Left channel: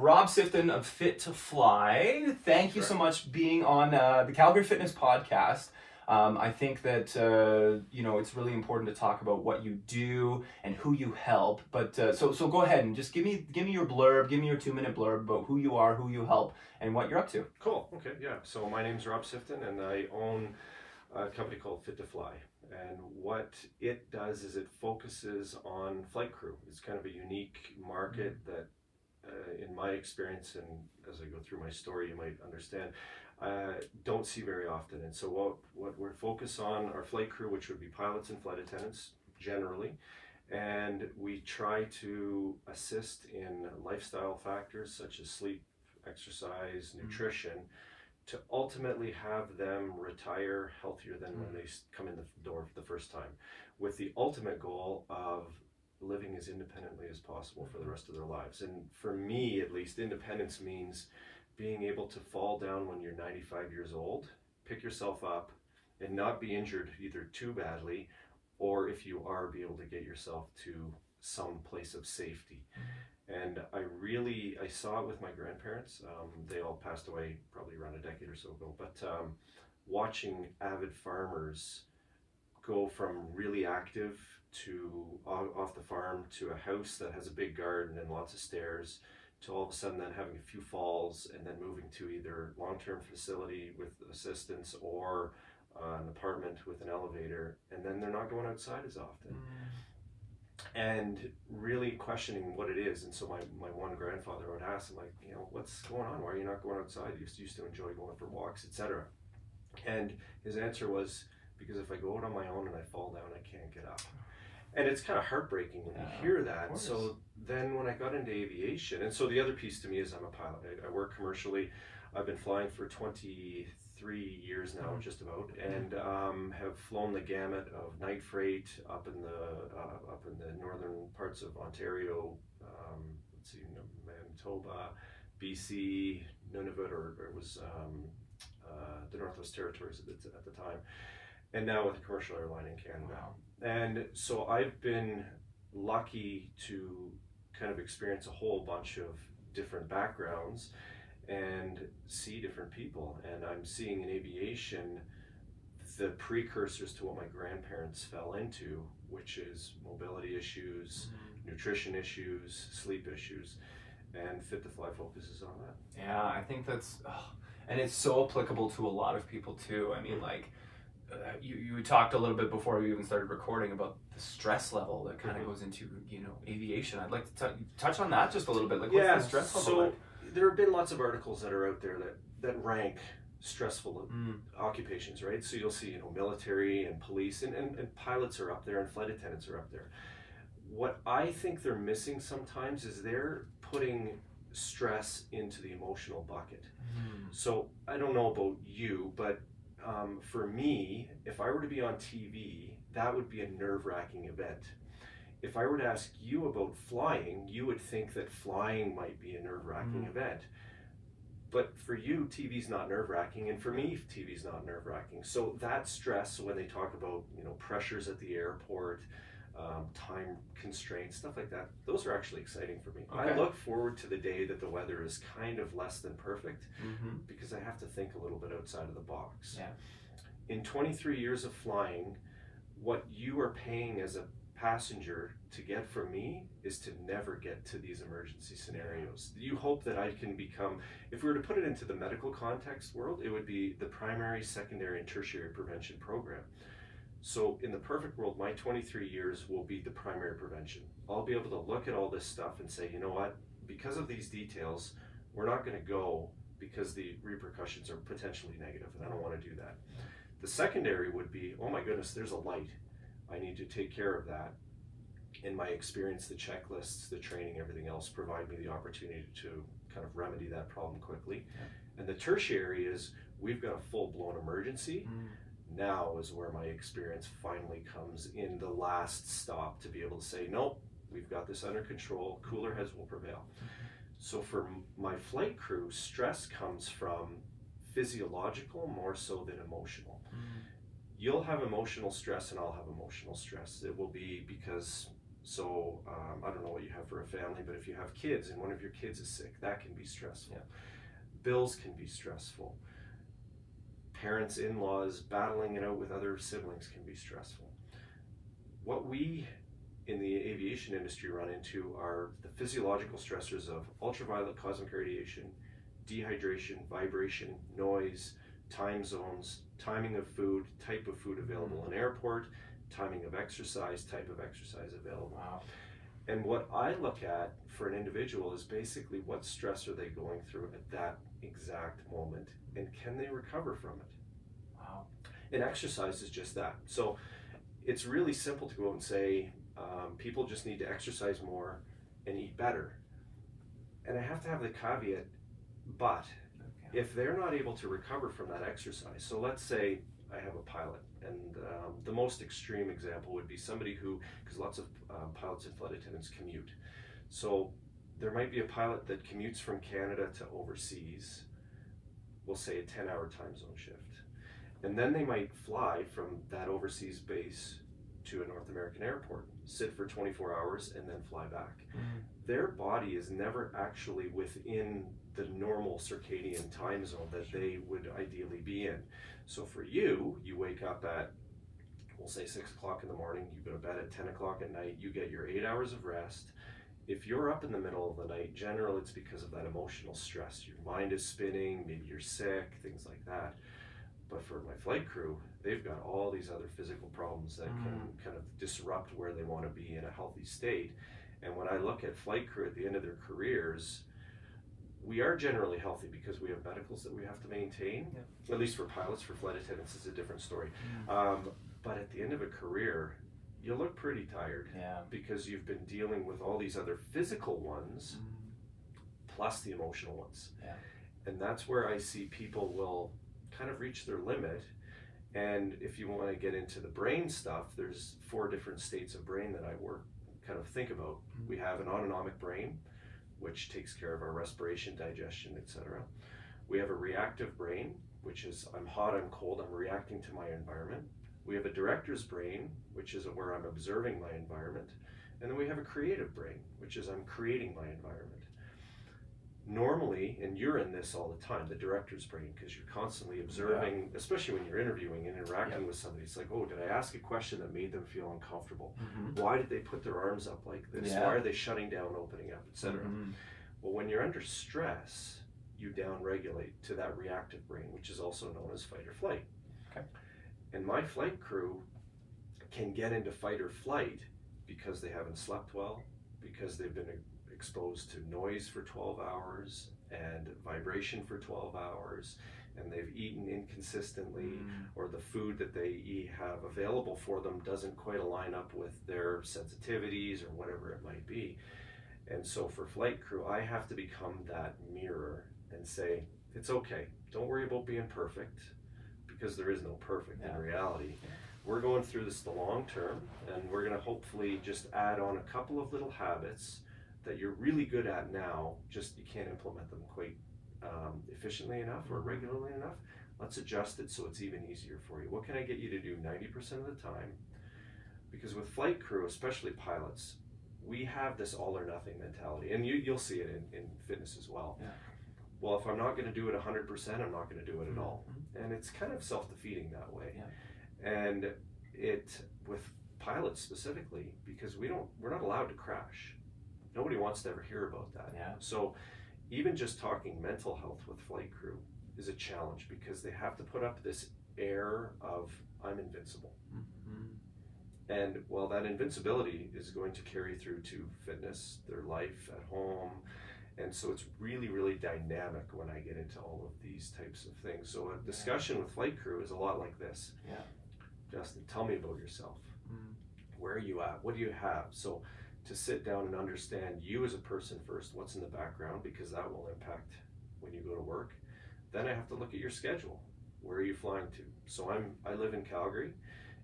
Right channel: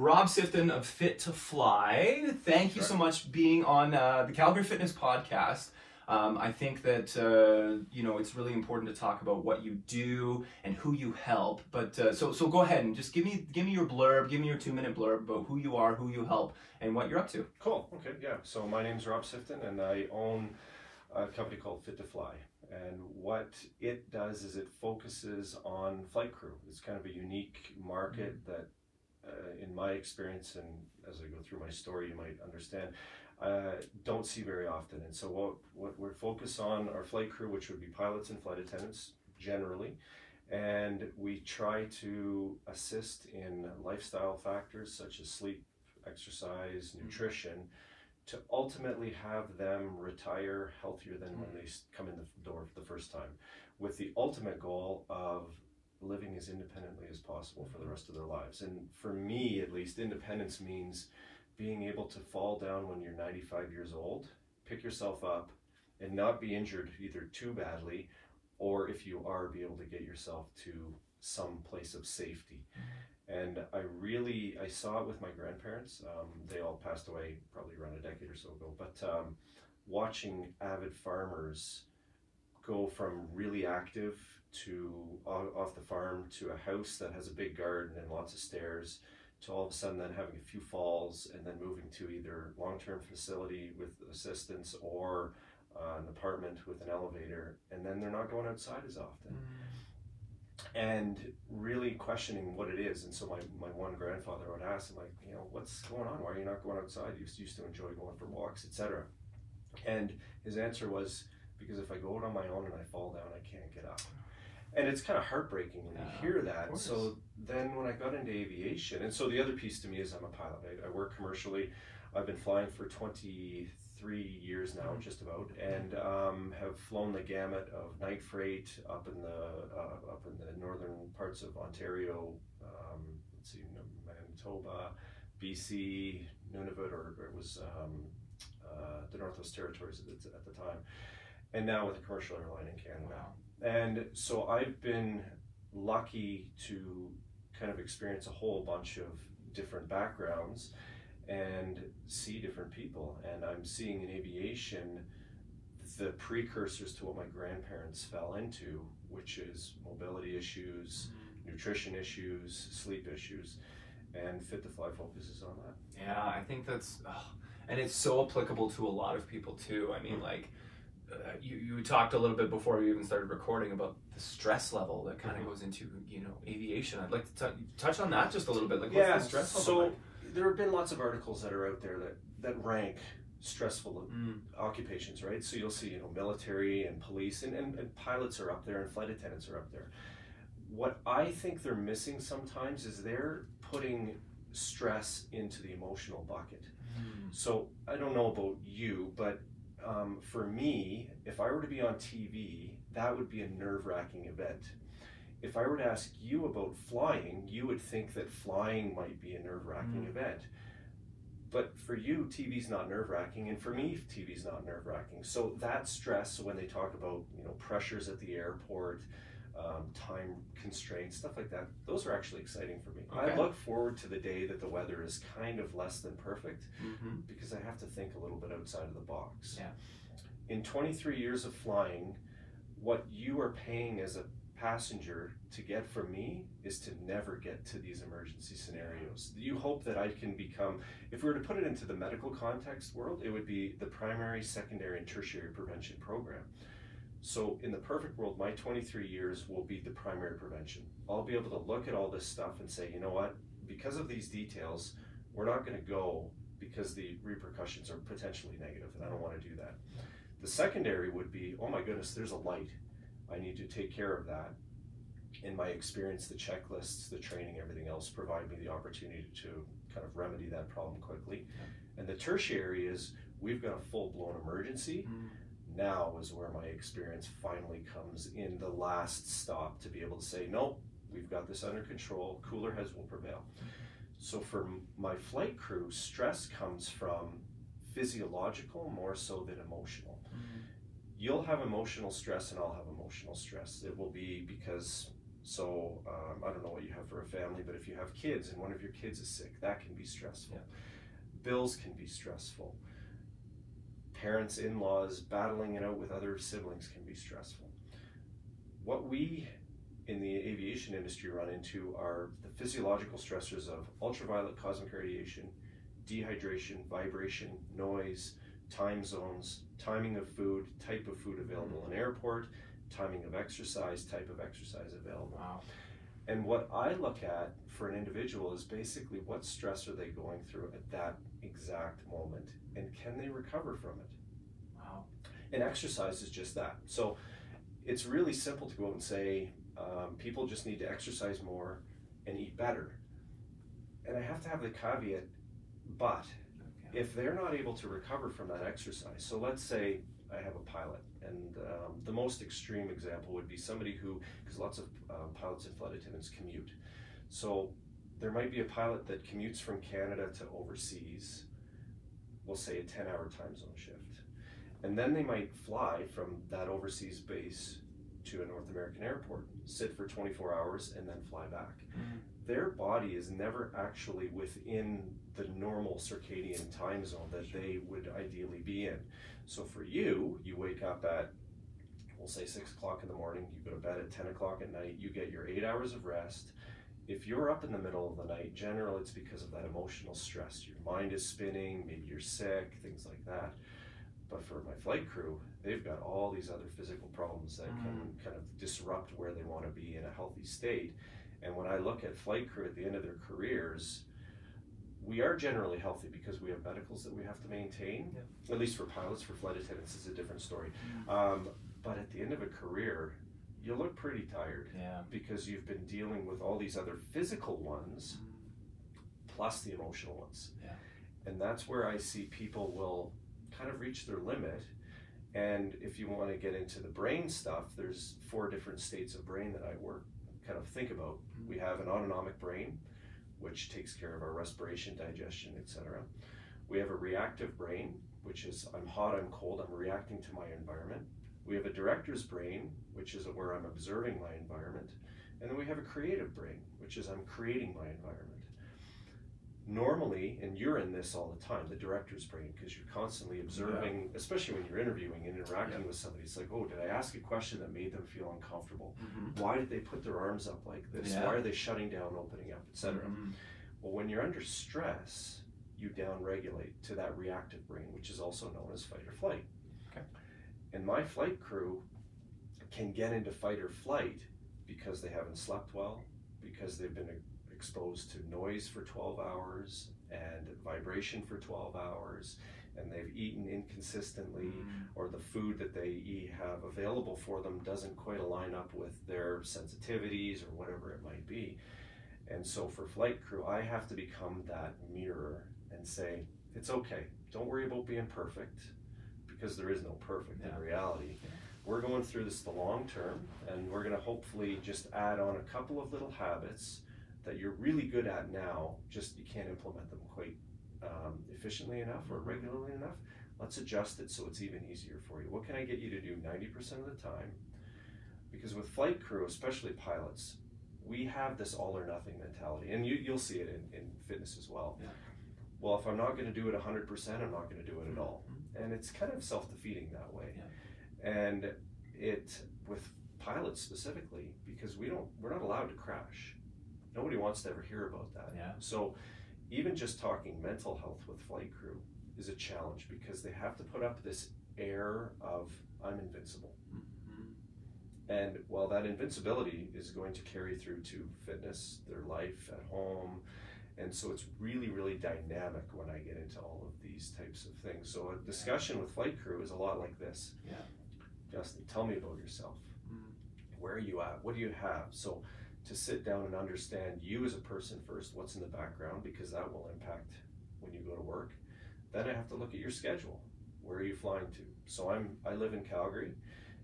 Rob Sifton of Fit to Fly, thank you so much being on the Calgary Fitness Podcast. I think that you know, it's really important to talk about what you do and who you help. But so go ahead and just give me your blurb, give me your 2-minute blurb about who you are, who you help, and what you're up to. Cool. Okay. Yeah. So my name's Rob Sifton, and I own a company called Fit to Fly. And what it does is it focuses on flight crew. It's kind of a unique market that, in my experience, and as I go through my story, you might understand, don't see very often. And so what we're focused on are flight crew, which would be pilots and flight attendants generally. And we try to assist in lifestyle factors such as sleep, exercise, nutrition, to ultimately have them retire healthier than when they come in the door for the first time, with the ultimate goal of living as independently as possible for the rest of their lives. And for me, at least, independence means being able to fall down when you're 95 years old, pick yourself up, and not be injured either too badly, or if you are, be able to get yourself to some place of safety. And I saw it with my grandparents. They all passed away probably around a decade or so ago, but watching avid farmers go from really active to off the farm to a house that has a big garden and lots of stairs, to all of a sudden then having a few falls and then moving to either long-term facility with assistance or an apartment with an elevator, and then they're not going outside as often. And really questioning what it is. And so my one grandfather would ask him, like, you know, what's going on? Why are you not going outside? You used to enjoy going for walks, etc. And his answer was, because if I go out on my own and I fall down, I can't get up. And it's kind of heartbreaking when you hear that. So then when I got into aviation, and so the other piece to me is I'm a pilot. I work commercially. I've been flying for 23 years now, just about, and have flown the gamut of night freight up in the northern parts of Ontario. Let's see, Manitoba, BC, Nunavut, or it was the Northwest Territories at the time, and now with a commercial airline in Canada. Wow. And so I've been lucky to kind of experience a whole bunch of different backgrounds and see different people. And I'm seeing in aviation the precursors to what my grandparents fell into, which is mobility issues, nutrition issues, sleep issues, and Fit to Fly focuses on that. Yeah, I think that's, and it's so applicable to a lot of people too. I mean, like, you talked a little bit before we even started recording about the stress level that kind of goes into, you know, aviation. I'd like to touch on that just a little bit. Like, what's the stress level like? There have been lots of articles that are out there that rank stressful occupations, right? So you'll see, you know, military and police and pilots are up there and flight attendants are up there. What I think they're missing sometimes is they're putting stress into the emotional bucket. So I don't know about you, but for me, if I were to be on TV, that would be a nerve-wracking event. If I were to ask you about flying, you would think that flying might be a nerve-wracking event. But for you, TV's not nerve-wracking, and for me, TV's not nerve-wracking. So that stress, when they talk about, you know, pressures at the airport, time constraints, stuff like that, those are actually exciting for me. I look forward to the day that the weather is kind of less than perfect, because I have to think a little bit outside of the box. In 23 years of flying, what you are paying as a passenger to get from me is to never get to these emergency scenarios. You hope that I can become, if we were to put it into the medical context world, it would be the primary, secondary, and tertiary prevention program. So in the perfect world, my 23 years will be the primary prevention. I'll be able to look at all this stuff and say, you know what, because of these details, we're not going to go because the repercussions are potentially negative, and I don't want to do that. The secondary would be, oh my goodness, there's a light. I need to take care of that. In my experience, the checklists, the training, everything else provide me the opportunity to kind of remedy that problem quickly. And the tertiary is, we've got a full-blown emergency. Now is where my experience finally comes in the last stop to be able to say, nope, we've got this under control, cooler heads will prevail. So for my flight crew, stress comes from physiological more so than emotional. You'll have emotional stress and I'll have emotional stress. It will be because So I don't know what you have for a family, but if you have kids and one of your kids is sick, that can be stressful. Yeah. Bills can be stressful. Parents, in-laws, battling it out with other siblings can be stressful. What we in the aviation industry run into are the physiological stressors of ultraviolet cosmic radiation, dehydration, vibration, noise, time zones, timing of food, type of food available in airport, timing of exercise, type of exercise available. Wow. And what I look at for an individual is basically what stress are they going through at that exact moment, and can they recover from it? Wow. And exercise is just that. So it's really simple to go out and say, people just need to exercise more and eat better. And I have to have the caveat, but if they're not able to recover from that exercise, so let's say I have a pilot, and the most extreme example would be somebody who, because lots of pilots and flight attendants commute. So there might be a pilot that commutes from Canada to overseas, we'll say a 10-hour time zone shift. And then they might fly from that overseas base to a North American airport, sit for 24 hours, and then fly back. Mm-hmm. Their body is never actually within the normal circadian time zone that they would ideally be in. So for you, you wake up at, we'll say 6 o'clock in the morning, you go to bed at 10 o'clock at night, you get your 8 hours of rest. If you're up in the middle of the night, generally it's because of that emotional stress. Your mind is spinning, maybe you're sick, things like that. But for my flight crew, they've got all these other physical problems that can kind of disrupt where they want to be in a healthy state. And when I look at flight crew at the end of their careers, we are generally healthy because we have medicals that we have to maintain. Yeah. At least for pilots. For flight attendants, it's a different story. But at the end of a career, you look pretty tired. Yeah. Because you've been dealing with all these other physical ones, plus the emotional ones. Yeah. And that's where I see people will kind of reach their limit. And if you want to get into the brain stuff, there's 4 different states of brain that I think about. We have an autonomic brain, which takes care of our respiration, digestion, etc. We have a reactive brain, which is I'm hot, I'm cold, I'm reacting to my environment. We have a director's brain, which is where I'm observing my environment. And then we have a creative brain, which is I'm creating my environment. Normally, and you're in this all the time, the director's brain, because you're constantly observing, especially when you're interviewing and interacting with somebody. It's like, oh, did I ask a question that made them feel uncomfortable? Why did they put their arms up like this? Why are they shutting down, opening up, etc.? Well, when you're under stress, you downregulate to that reactive brain, which is also known as fight or flight. Okay. And my flight crew can get into fight or flight because they haven't slept well, because they've been exposed to noise for 12 hours and vibration for 12 hours, and they've eaten inconsistently, or the food that they have available for them doesn't quite align up with their sensitivities or whatever it might be. And so for flight crew, I have to become that mirror and say, it's okay, don't worry about being perfect, because there is no perfect in reality. We're going through this the long term, and we're going to hopefully just add on a couple of little habits that you're really good at now, just you can't implement them quite efficiently enough or regularly enough. Let's adjust it so it's even easier for you. What can I get you to do 90% of the time? Because with flight crew, especially pilots, we have this all or nothing mentality, and you'll see it in fitness as well. Yeah. Well, if I'm not going to do it 100%, I'm not going to do it at all. And it's kind of self-defeating that way. Yeah. And it, with pilots specifically, because we're not allowed to crash. Nobody wants to ever hear about that. Yeah. So even just talking mental health with flight crew is a challenge, because they have to put up this air of I'm invincible. And well, that invincibility is going to carry through to fitness, their life at home. And so it's really, really dynamic when I get into all of these types of things. So a discussion with flight crew is a lot like this. Yeah. Justin, tell me about yourself. Where are you at? What do you have? So to sit down and understand you as a person first, what's in the background, because that will impact when you go to work. Then I have to look at your schedule. Where are you flying to? So I live in Calgary.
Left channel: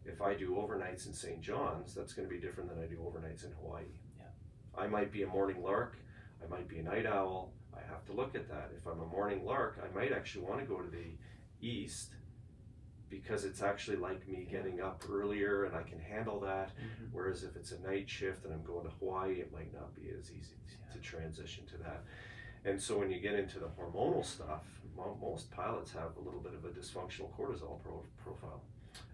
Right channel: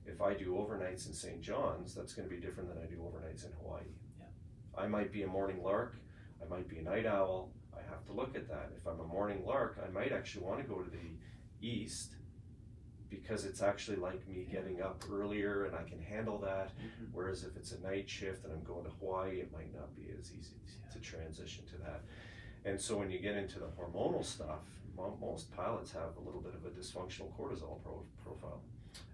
If I do overnights in St. John's, that's going to be different than I do overnights in Hawaii. Yeah. I might be a morning lark. I might be a night owl. I have to look at that. If I'm a morning lark, I might actually want to go to the east because it's actually like me getting up earlier and I can handle that. Whereas if it's a night shift and I'm going to Hawaii, it might not be as easy to transition to that. And so when you get into the hormonal stuff, most pilots have a little bit of a dysfunctional cortisol profile.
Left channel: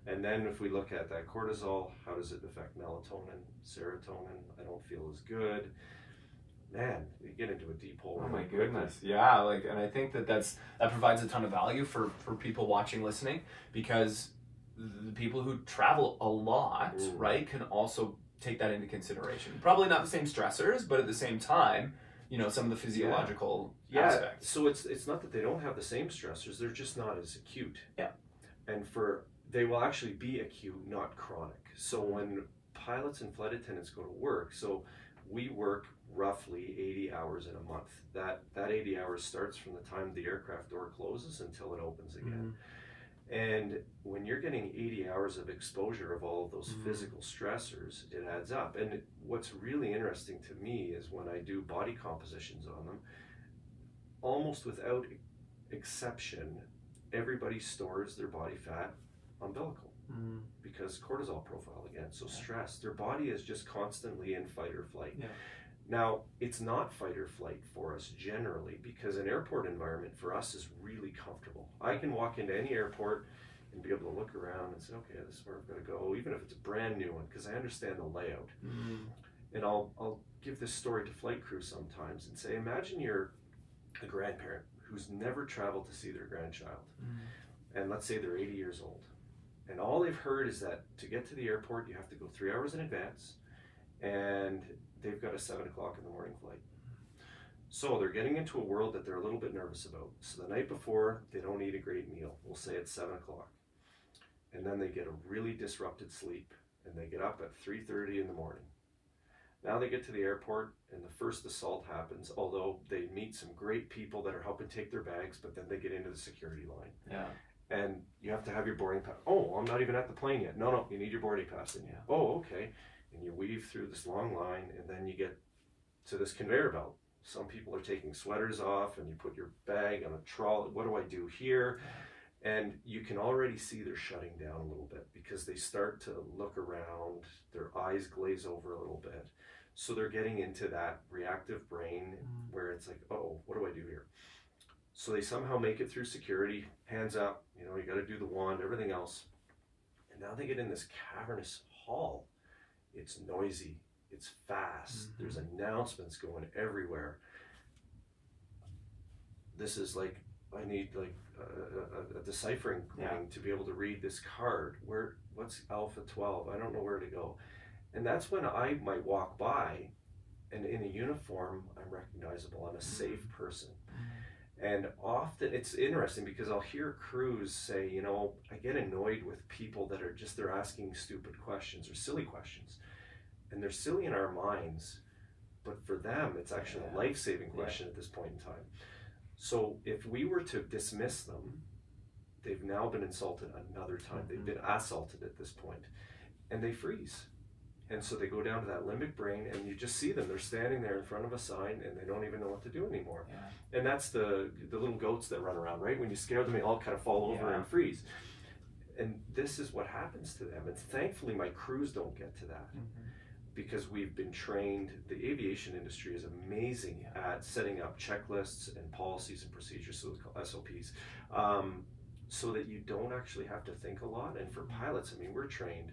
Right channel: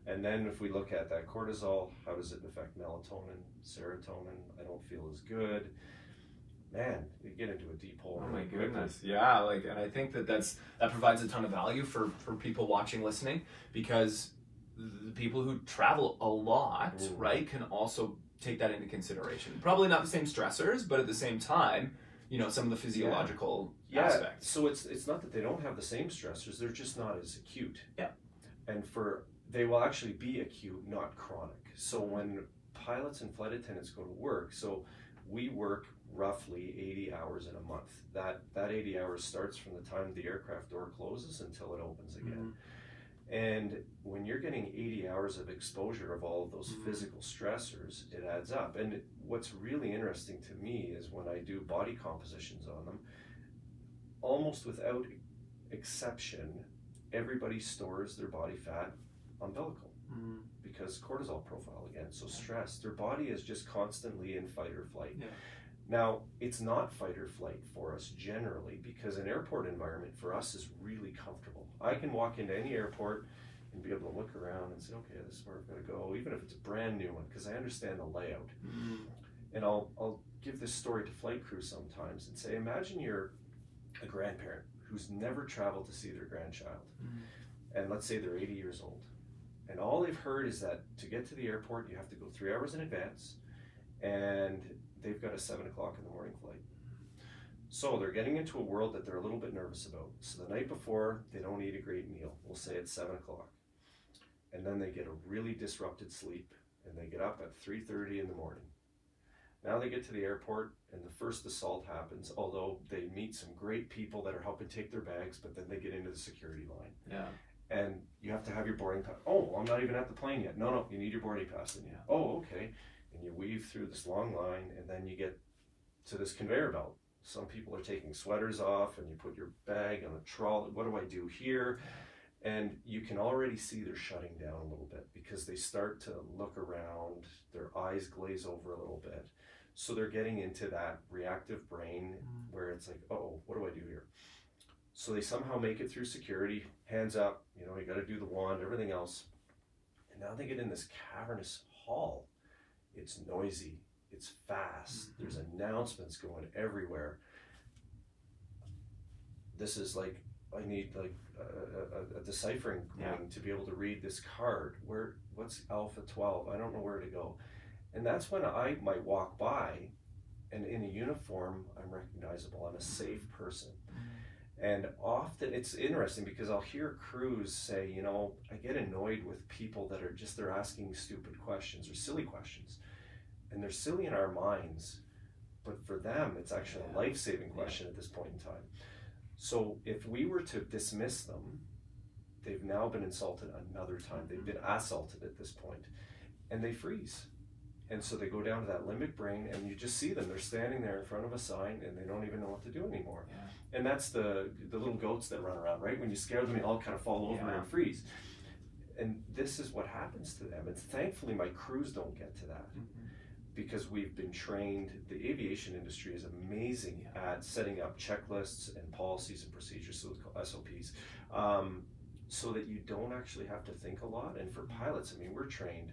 And then if we look at that cortisol, how does it affect melatonin, serotonin? I don't feel as good. Man, you get into a deep hole. Oh my goodness. Yeah, like, and I think that provides a ton of value for people watching, listening, because the people who travel a lot, right, can also take that into consideration. Probably not the same stressors, but at the same time, you know, some of the physiological aspects. So it's not that they don't have the same stressors, they're just not as acute. Yeah. And they will actually be acute, not chronic. So when pilots and flight attendants go to work, so we work roughly 80 hours in a month. That 80 hours starts from the time the aircraft door closes until it opens again. And when you're getting 80 hours of exposure of all of those physical stressors, it adds up. And what's really interesting to me is when I do body compositions on them, almost without exception, everybody stores their body fat umbilical because cortisol profile again. So stress, their body is just constantly in fight or flight. Yeah. Now, it's not fight or flight for us generally because an airport environment for us is really comfortable. I can walk into any airport and be able to look around and say, okay, this is where I'm going to go, even if it's a brand new one, because I understand the layout. And I'll give this story to flight crew sometimes and say, imagine you're a grandparent who's never traveled to see their grandchild. And let's say they're 80 years old. And all they've heard is that to get to the airport, you have to go 3 hours in advance. And they've got a 7 o'clock in the morning flight. So they're getting into a world that they're a little bit nervous about. So the night before, they don't eat a great meal. We'll say it's 7 o'clock. And then they get a really disrupted sleep and they get up at 3:30 in the morning. Now they get to the airport and the first assault happens, although they meet some great people that are helping take their bags, but then they get into the security line. Yeah. And you have to have your boarding pass. Oh, I'm not even at the plane yet. No, you need your boarding pass. And oh, okay. And you weave through this long line and then you get to this conveyor belt. Some people are taking sweaters off and you put your bag on a trolley. What do I do here? And you can already see they're shutting down a little bit because they start to look around, their eyes glaze over a little bit. So they're getting into that reactive brain where it's like, oh, what do I do here? So they somehow make it through security, hands up, you know, you got to do the wand, everything else. And now they get in this cavernous hall. It's noisy, it's fast, there's announcements going everywhere. This is like, I need like a deciphering coin to be able to read this card. What's Alpha 12? I don't know where to go. And that's when I might walk by and in a uniform, I'm recognizable, I'm a safe person. And often it's interesting because I'll hear crews say, you know, I get annoyed with people that are just, they're asking stupid questions or silly questions. And they're silly in our minds, but for them, it's actually a life-saving question at this point in time. So if we were to dismiss them, they've now been insulted another time. They've been assaulted at this point, and they freeze. And so they go down to that limbic brain, and you just see them. They're standing there in front of a sign, and they don't even know what to do anymore. And that's the little goats that run around, right? When you scare them, they all kind of fall over and freeze. And this is what happens to them. And thankfully, my crews don't get to that. Because we've been trained, the aviation industry is amazing at setting up checklists and policies and procedures, so it's called SOPs, so that you don't actually have to think a lot. And for pilots, I mean, we're trained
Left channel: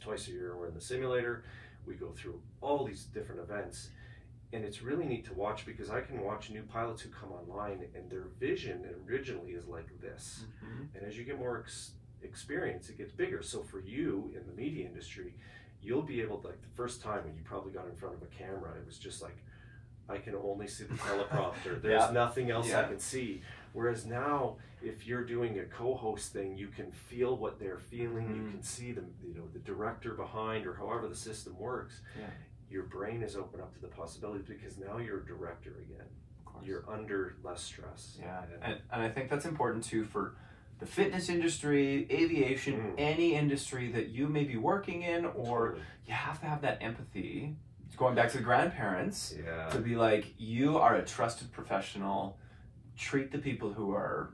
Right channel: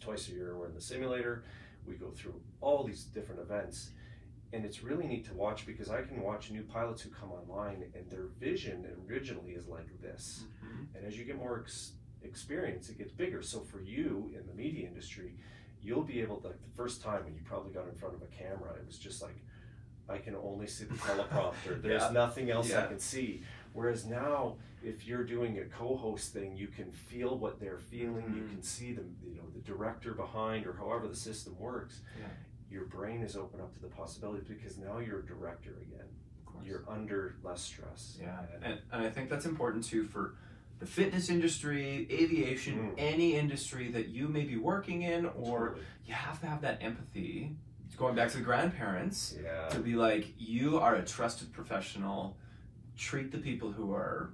twice a year. We're in the simulator. We go through all these different events. And it's really neat to watch because I can watch new pilots who come online and their vision originally is like this. And as you get more experience, it gets bigger. So for you in the media industry, you'll be able to, like the first time when you probably got in front of a camera, it was just like, I can only see the teleprompter. There's nothing else I can see. Whereas now, if you're doing a co-host thing, you can feel what they're feeling. You can see the, you know, the director behind or however the system works. Your brain is open up to the possibilities because now you're a director again. You're under less stress. And I think that's important too for the fitness industry, aviation, any industry that you may be working in, or you have to have that empathy. It's going back to the grandparents to be like, you are a trusted professional. Treat the people who are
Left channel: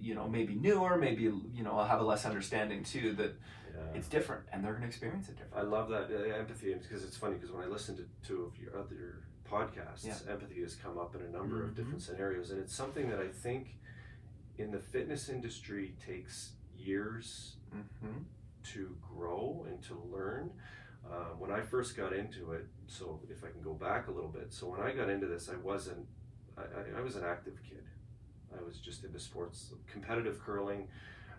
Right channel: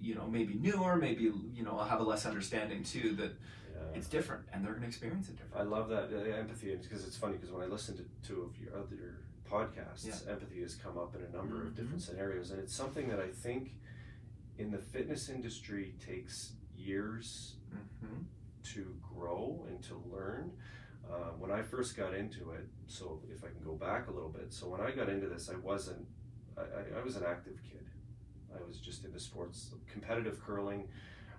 you know, maybe newer, maybe, you know, have a less understanding too, that it's different and they're going to experience it different. I love that empathy, because it's funny, because when I listen to two of your other podcasts, empathy has come up in a number of different scenarios, and it's something that I think in the fitness industry takes years to grow and to learn. When I first got into it, so if I can go back a little bit, so when I got into this, I was an active kid. I was just into sports, competitive curling,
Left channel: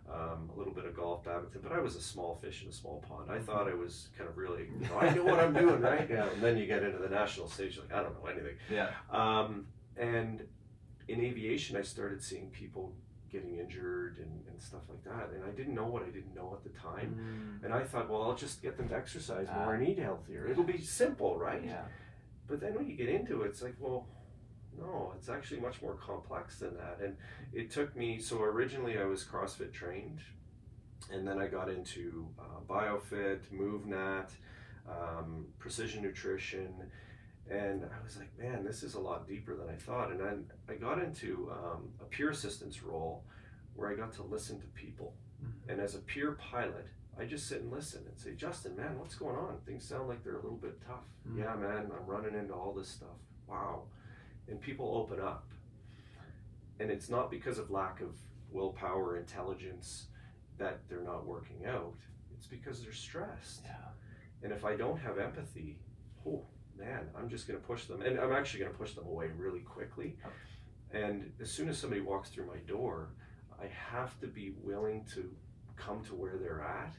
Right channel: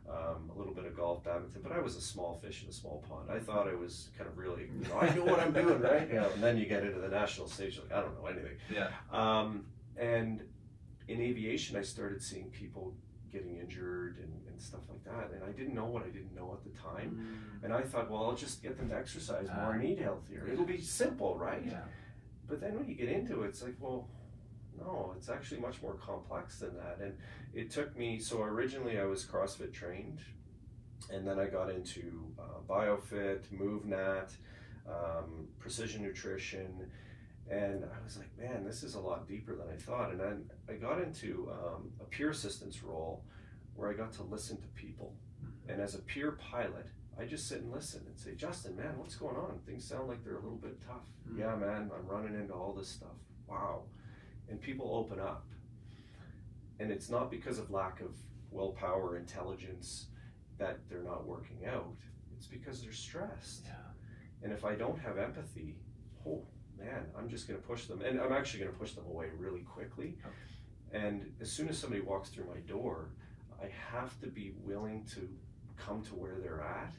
a little bit of golf, badminton, but I was a small fish in a small pond. I thought I was kind of really, you know, I knew what I'm doing, right? And then you get into the national stage, like, I don't know anything. And in aviation, I started seeing people getting injured and stuff like that, and I didn't know what I didn't know at the time. And I thought, well, I'll just get them to exercise more and eat healthier. It'll be simple, right? But then when you get into it, it's like, well, no, it's actually much more complex than that. And it took me, so originally I was CrossFit trained, and then I got into BioFit, MoveNat, precision nutrition, and I was like, man, this is a lot deeper than I thought. And then I got into a peer assistance role where I got to listen to people. And as a peer pilot, I just sit and listen and say, Justin, man, what's going on? Things sound like they're a little bit tough. Yeah, man, I'm running into all this stuff. Wow. And people open up. And it's not because of lack of willpower, intelligence, that they're not working out. It's because they're stressed. And if I don't have empathy, oh man, I'm just going to push them. And I'm actually going to push them away really quickly. And as soon as somebody walks through my door, I have to be willing to come to where they're at,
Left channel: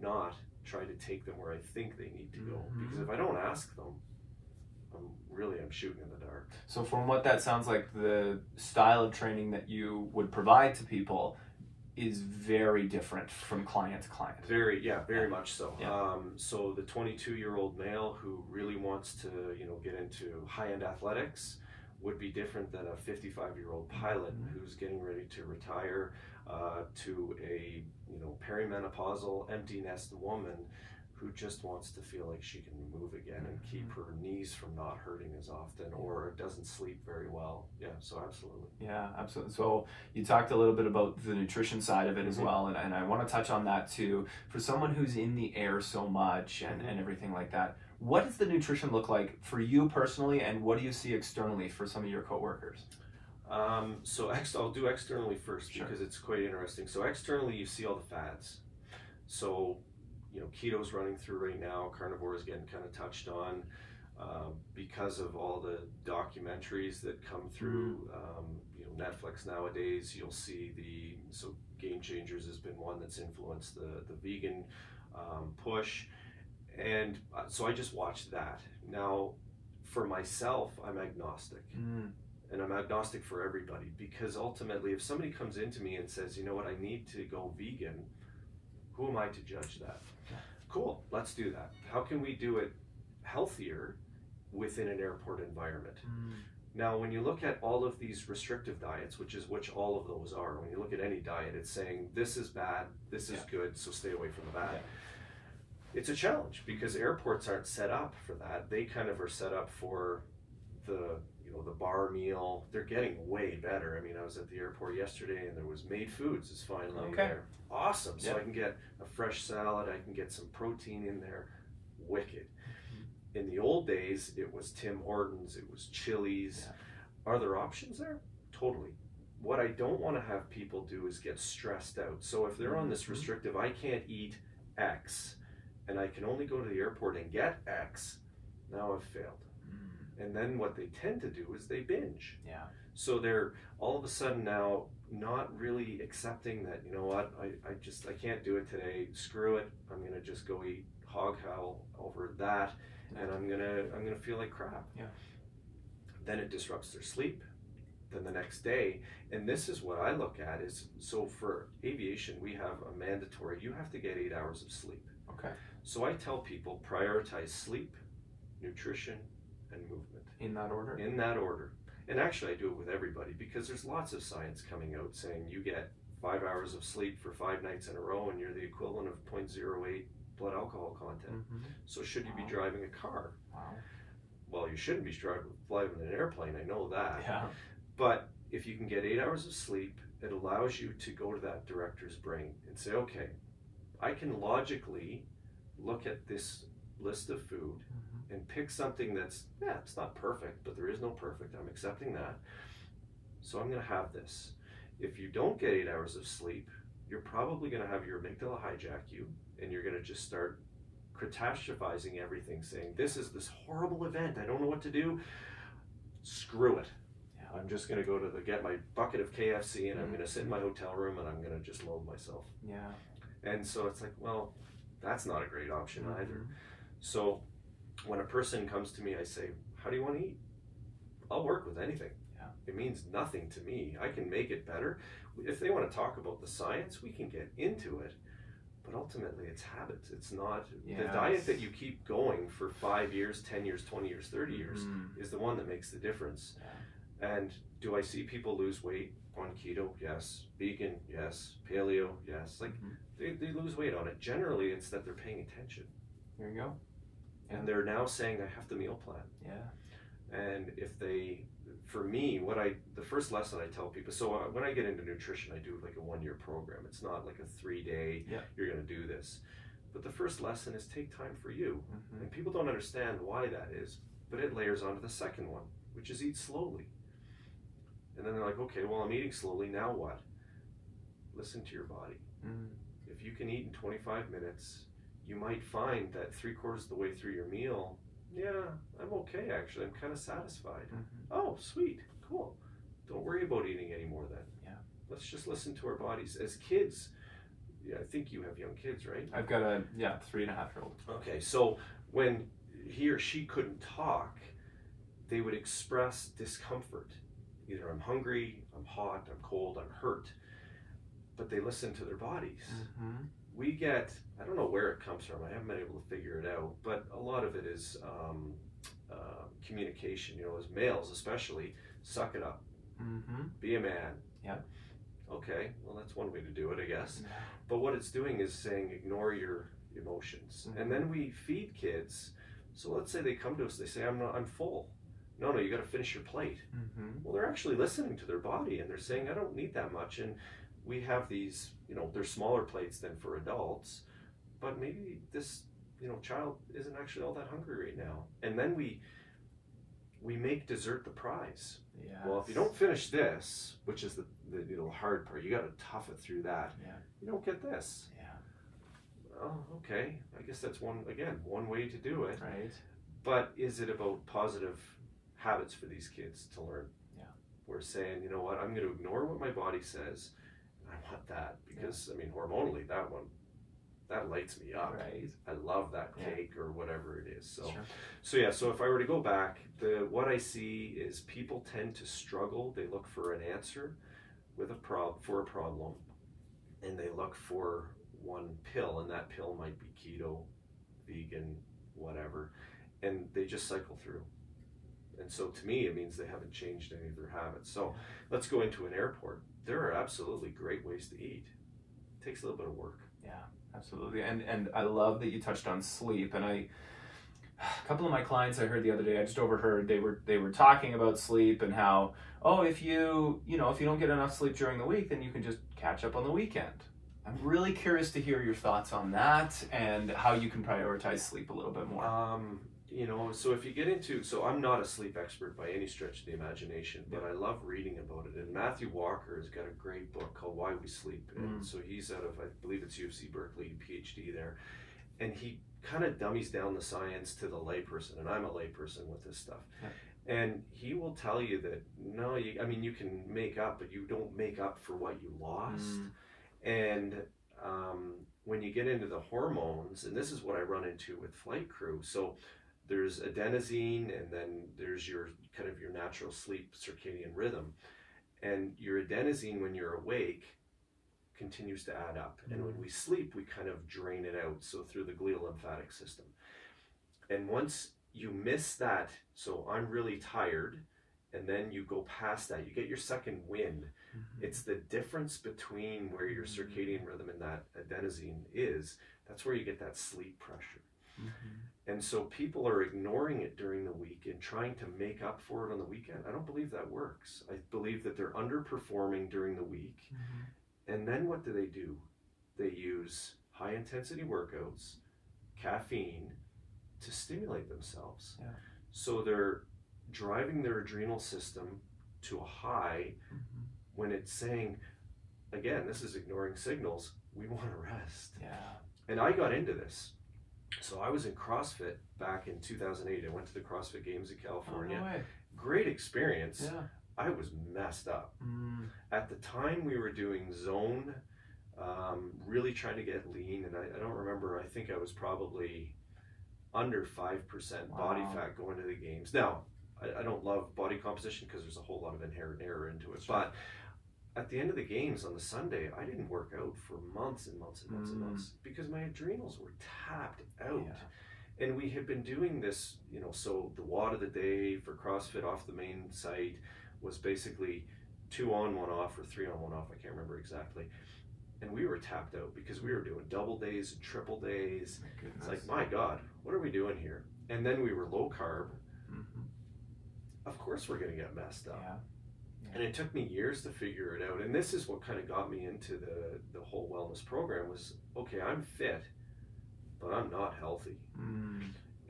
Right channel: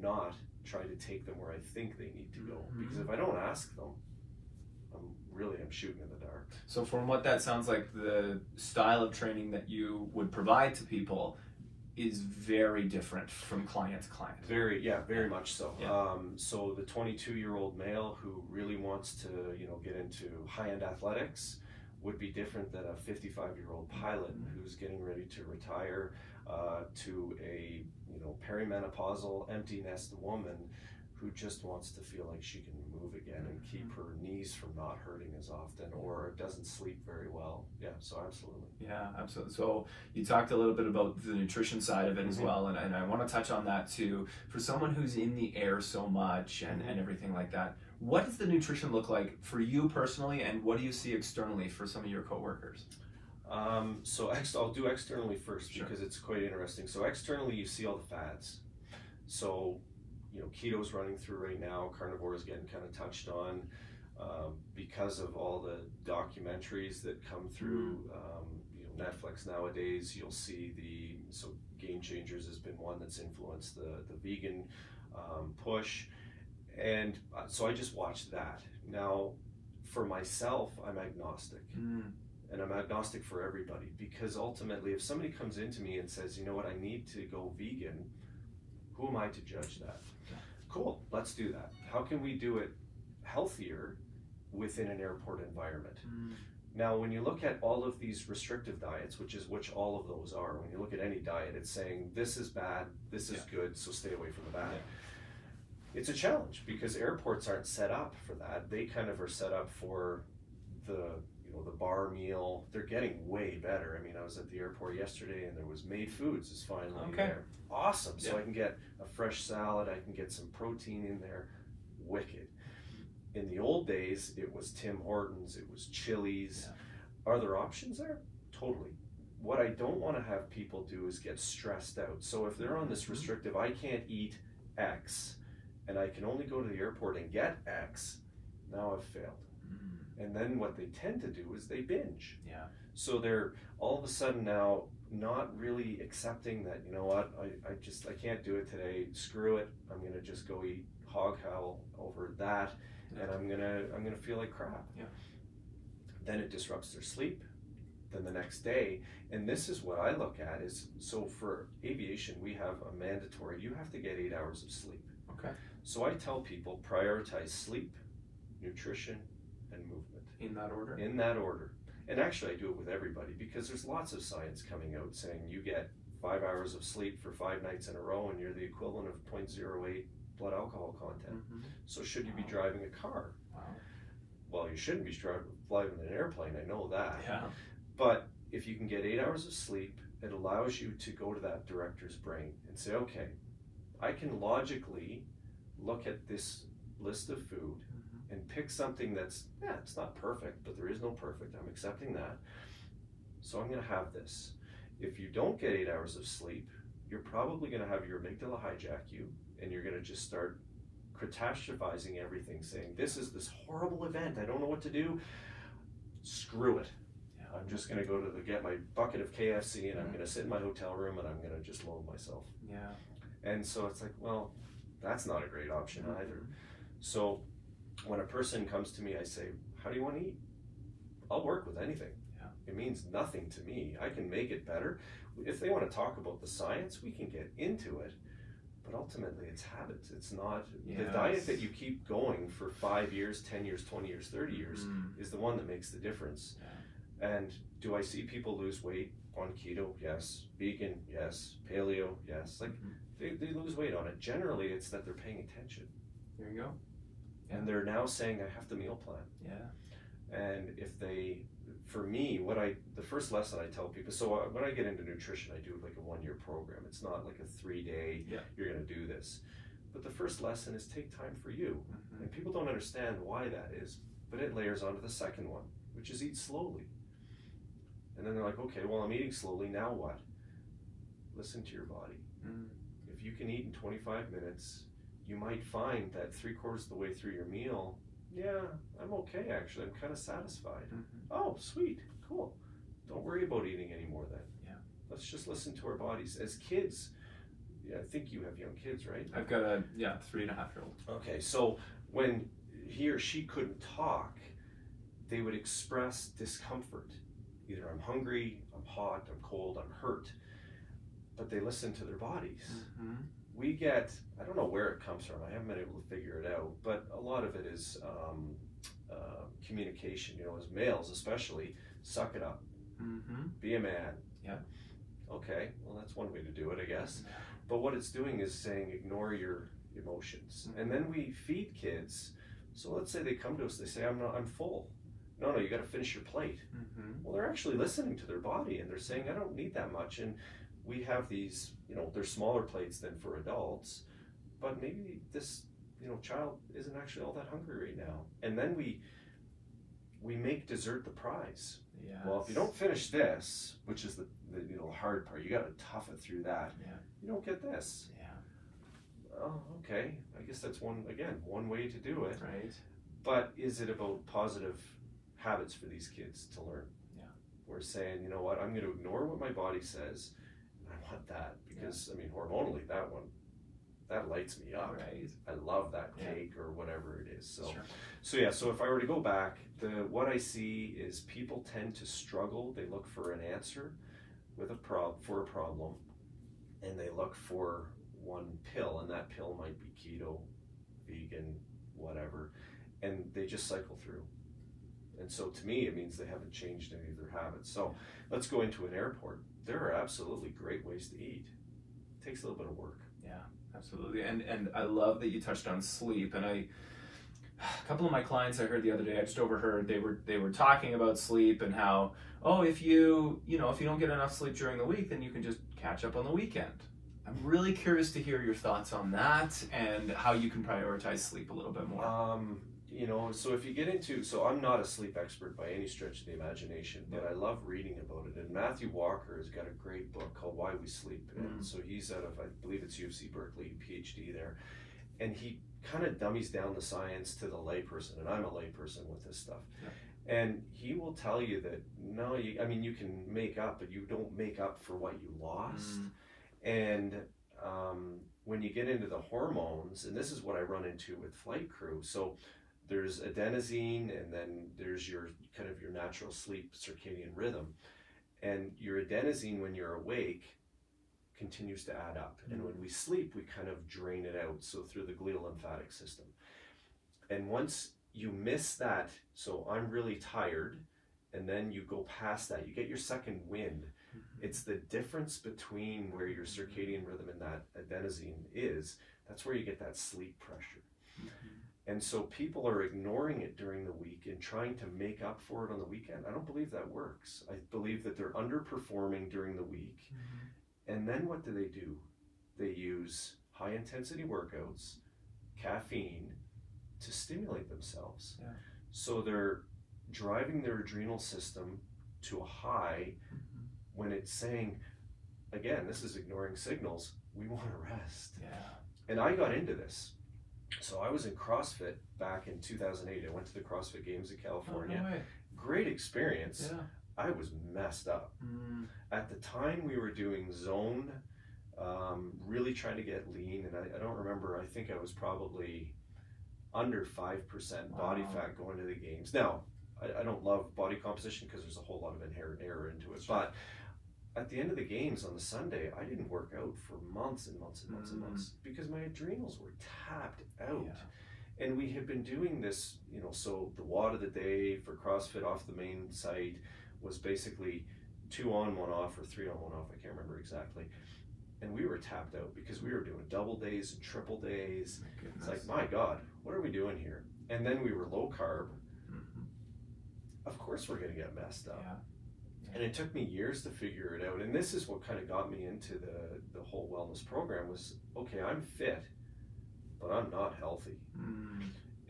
not try to take them where I think they need to go. Because if I don't ask them, I'm shooting in the dark. So from what that sounds like, the style of training that you would provide to people is very different from client to client. Very much so. So the 22-year-old male who really wants to, you know, get into high-end athletics would be different than a 55-year-old pilot who's getting ready to retire, to a, you know, perimenopausal empty nest woman who just wants to feel like she can move again and keep her knees from not hurting as often, or doesn't sleep very well. So absolutely. Absolutely. So you talked a little bit about the nutrition side of it as well, and I want to touch on that too. For someone who's in the air so much and everything like that, what does the nutrition look like for you personally, and what do you see externally for some of your coworkers? So I'll do externally first, because it's quite interesting. So externally, you see all the fads. So, you know, keto's running through right now, carnivore is getting kind of touched on, because of all the documentaries that come through, you know, Netflix nowadays. You'll see so Game Changers has been one that's influenced the vegan push, and so I just watched that. Now, for myself, I'm agnostic. And I'm agnostic for everybody, because ultimately, if somebody comes into me and says, you know what, I need to go vegan, who am I to judge that? Cool, let's do that. How can we do it healthier within an airport environment? Now, when you look at all of these restrictive diets, which all of those are, when you look at any diet, it's saying this is bad, this is good, so stay away from the bad. It's a challenge, because airports aren't set up for that. They kind of are set up for the bar meal. They're getting way better. I mean, I was at the airport yesterday, and there was Made Foods is finally there. Awesome. So I can get a fresh salad, I can get some protein in there. Wicked. In the old days, it was Tim Hortons, it was Chili's. Are there options there? Totally. What I don't want to have people do is get stressed out. So if they're on this restrictive, I can't eat X, and I can only go to the airport and get X, now I've failed. And then what they tend to do is they binge. So they're all of a sudden now not really accepting that, you know what, I can't do it today, screw it, I'm gonna just go eat hog howl over that, and I'm gonna feel like crap. Then it disrupts their sleep. Then the next day, and this is what I look at is, so for aviation, we have a mandatory, you have to get 8 hours of sleep. So I tell people, prioritize sleep, nutrition, and movement. In that order? In that order. And actually I do it with everybody, because there's lots of science coming out saying you get 5 hours of sleep for 5 nights in a row and you're the equivalent of 0.08 blood alcohol content. So should you be driving a car? Well, you shouldn't be flying in an airplane, I know that. But if you can get 8 hours of sleep, it allows you to go to that director's brain and say, okay, I can logically look at this list of food and pick something that's, yeah, it's not perfect, but there is no perfect. I'm accepting that. So I'm going to have this. If you don't get 8 hours of sleep, you're probably going to have your amygdala hijack you, and you're going to just start catastrophizing everything, saying, this is this horrible event. I don't know what to do. Screw it. I'm just going to go to get my bucket of KFC, and I'm going to sit in my hotel room, and I'm going to just load myself. Yeah. And so it's like, well, that's not a great option either. So when a person comes to me, I say, how do you want to eat? I'll work with anything. It means nothing to me. I can make it better. If they want to talk about the science, we can get into it. But ultimately, it's habits. It's not the diet that you keep going for 5 years, 10 years, 20 years, 30 years is the one that makes the difference. And do I see people lose weight on keto? Yes. Vegan? Yes. Paleo? Yes. Like they lose weight on it. Generally, it's that they're paying attention. There you go. And they're now saying, I have to meal plan. Yeah. And if they, for me, the first lesson I tell people, so when I get into nutrition, I do like a 1-year program. It's not like a 3-day, you're going to do this. But the first lesson is take time for you. And people don't understand why that is, but it layers onto the second one, which is eat slowly. And then they're like, okay, well, I'm eating slowly, now what? Listen to your body. If you can eat in 25 minutes, you might find that 3/4 of the way through your meal, yeah, I'm okay actually, I'm kind of satisfied. Oh, sweet, cool. Don't worry about eating anymore then. Yeah. Let's just listen to our bodies. As kids, I think you have young kids, right? I've got a 3.5-year-old. Okay, so when he or she couldn't talk, they would express discomfort. Either I'm hungry, I'm hot, I'm cold, I'm hurt. But they listen to their bodies. We get, I don't know where it comes from, I haven't been able to figure it out, but a lot of it is communication. As males especially, suck it up. Be a man. Yeah. Okay, well that's one way to do it, I guess. But what it's doing is saying ignore your emotions. And then we feed kids. So let's say they come to us, they say, I'm full. No, you got to finish your plate. Well, they're actually listening to their body, and they're saying, I don't need that much. And we have these, they're smaller plates than for adults, but maybe this, child isn't actually all that hungry right now. And then we make dessert the prize. Well, if you don't finish this, which is the hard part, you got to tough it through that. You don't get this. Oh, okay. I guess that's one way to do it. Right. But is it about positive habits for these kids to learn? We're saying, you know what, I'm going to ignore what my body says. I want that because, hormonally, that lights me up. Right. I love that cake or whatever it is. So if I were to go back, what I see is people tend to struggle. They look for an answer for a problem, and they look for one pill, and that pill might be keto, vegan, whatever, and they just cycle through. And so to me, it means they haven't changed any of their habits. So let's go into an airport. There are absolutely great ways to eat. It takes a little bit of work. Yeah, absolutely. And I love that you touched on sleep. And a couple of my clients I heard the other day, I just overheard, they were talking about sleep and how, if you don't get enough sleep during the week, then you can just catch up on the weekend. I'm really curious to hear your thoughts on that and how you can prioritize sleep a little bit more. So if you get into, I'm not a sleep expert by any stretch of the imagination, but I love reading about it. And Matthew Walker has got a great book called Why We Sleep. And so he's out of, I believe it's UC Berkeley, PhD there. And he kind of dummies down the science to the layperson. And I'm a layperson with this stuff. Yeah. And he will tell you that, no, you can make up, but you don't make up for what you lost. And when you get into the hormones, and this is what I run into with flight crew. So there's adenosine, and then there's your natural sleep circadian rhythm. And your adenosine, when you're awake, continues to add up. And when we sleep, we kind of drain it out, so through the glial lymphatic system. And once you miss that, so I'm really tired, and then you go past that, you get your second wind. It's the difference between where your circadian rhythm and that adenosine is, that's where you get that sleep pressure. And so people are ignoring it during the week and trying to make up for it on the weekend. I don't believe that works. I believe that they're underperforming during the week. And then what do? They use high intensity workouts, caffeine, to stimulate themselves. Yeah. So they're driving their adrenal system to a high when it's saying, again, this is ignoring signals, we want to rest. Yeah. And I got into this. So I was in CrossFit back in 2008. I went to the CrossFit Games in California. Oh, no way. Great experience. Yeah. I was messed up. At the time we were doing zone, really trying to get lean, and I don't remember, I think I was probably under 5% body fat going to the games. Now, I don't love body composition because there's a whole lot of inherent error into it, but at the end of the games on the Sunday, I didn't work out for months and months and months and months because my adrenals were tapped out. Yeah. And we had been doing this, you know, so the WOD of the day for CrossFit off the main site was basically 2 on, 1 off, or 3 on, 1 off, I can't remember exactly. And we were tapped out because we were doing double days and triple days. It's like, my God, what are we doing here? And then we were low carb. Of course we're going to get messed up. Yeah. And it took me years to figure it out. And this is what kind of got me into the whole wellness program was, okay, I'm fit, but I'm not healthy.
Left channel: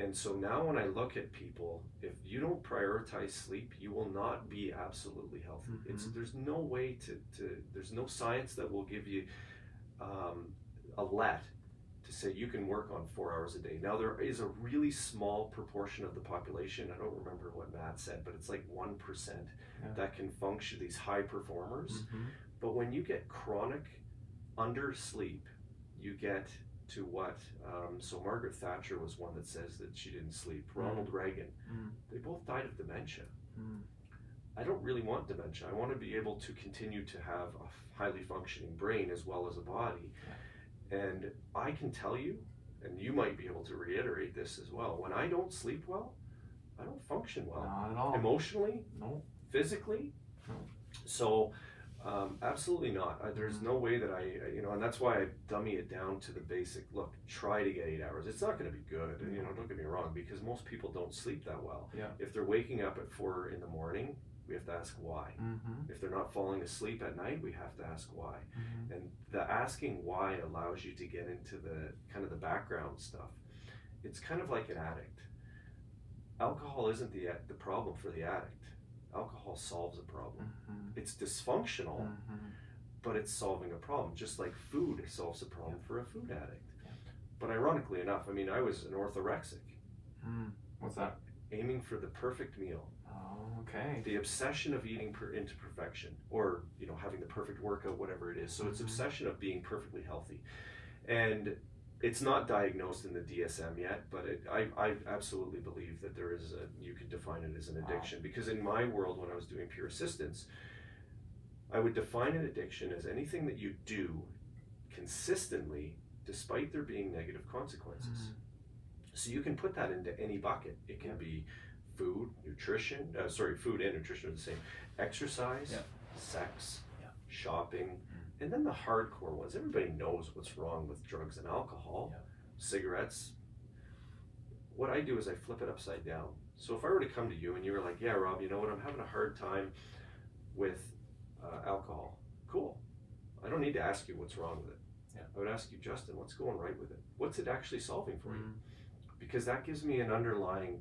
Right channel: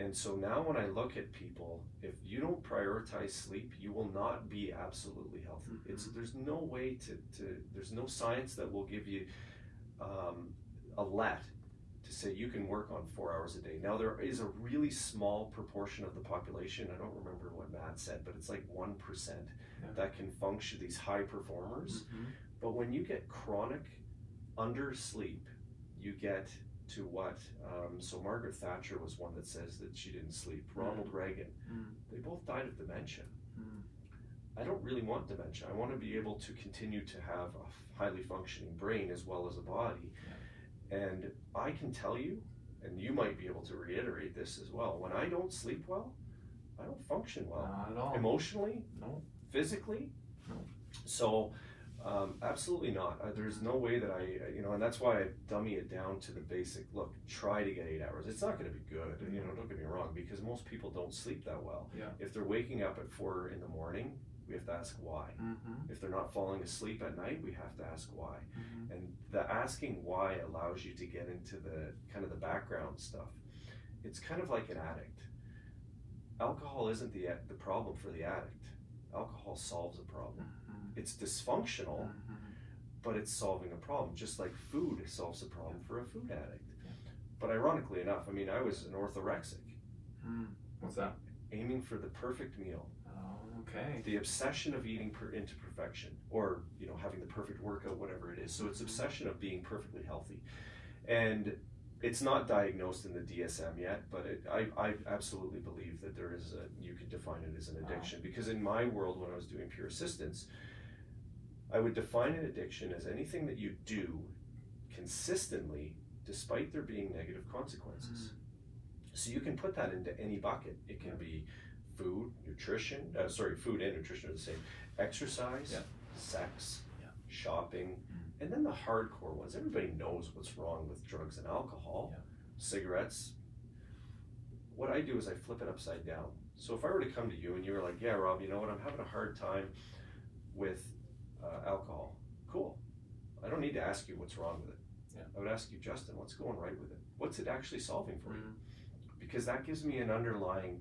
And so now when I look at people, if you don't prioritize sleep, you will not be absolutely healthy. There's no way there's no science that will give you a let to say you can work on 4 hours a day. Now there is a really small proportion of the population, I don't remember what Matt said, but it's like 1% that can function, these high performers. But when you get chronic undersleep, you get to what, so Margaret Thatcher was one that says that she didn't sleep. Ronald Reagan, they both died of dementia. I don't really want dementia. I want to be able to continue to have a highly functioning brain as well as a body. And I can tell you, and you might be able to reiterate this as well, when I don't sleep well, I don't function well. Not at all. Emotionally? No. Physically? No. So, absolutely not. There's no way that and that's why I dummy it down to the basic, look, try to get 8 hours. It's not going to be good, don't get me wrong, because most people don't sleep that well. Yeah. If they're waking up at 4 in the morning, we have to ask why. If they're not falling asleep at night, we have to ask why. And the asking why allows you to get into the kind of the background stuff. It's kind of like an addict. Alcohol isn't the problem for the addict. Alcohol solves a problem. It's dysfunctional, but it's solving a problem, just like food solves a problem for a food addict. But ironically enough, I mean, I was an orthorexic. What's that? Aiming for the perfect meal. Okay. The obsession of eating into perfection, or having the perfect workout, whatever it is. So it's obsession of being perfectly healthy, and it's not diagnosed in the DSM yet. But I absolutely believe that there is you could define it as an addiction. Because in my world, when I was doing Pure Assistance, I would define an addiction as anything that you do consistently, despite there being negative consequences. So you can put that into any bucket. It can be food, nutrition, food and nutrition are the same. Exercise, sex, shopping, and then the hardcore ones. Everybody knows what's wrong with drugs and alcohol, cigarettes. What I do is I flip it upside down. So if I were to come to you and you were like, yeah, Rob, you know what, I'm having a hard time with alcohol. Cool. I don't need to ask you what's wrong with it. I would ask you, Justin, what's going right with it? What's it actually solving for you? Because that gives me an underlying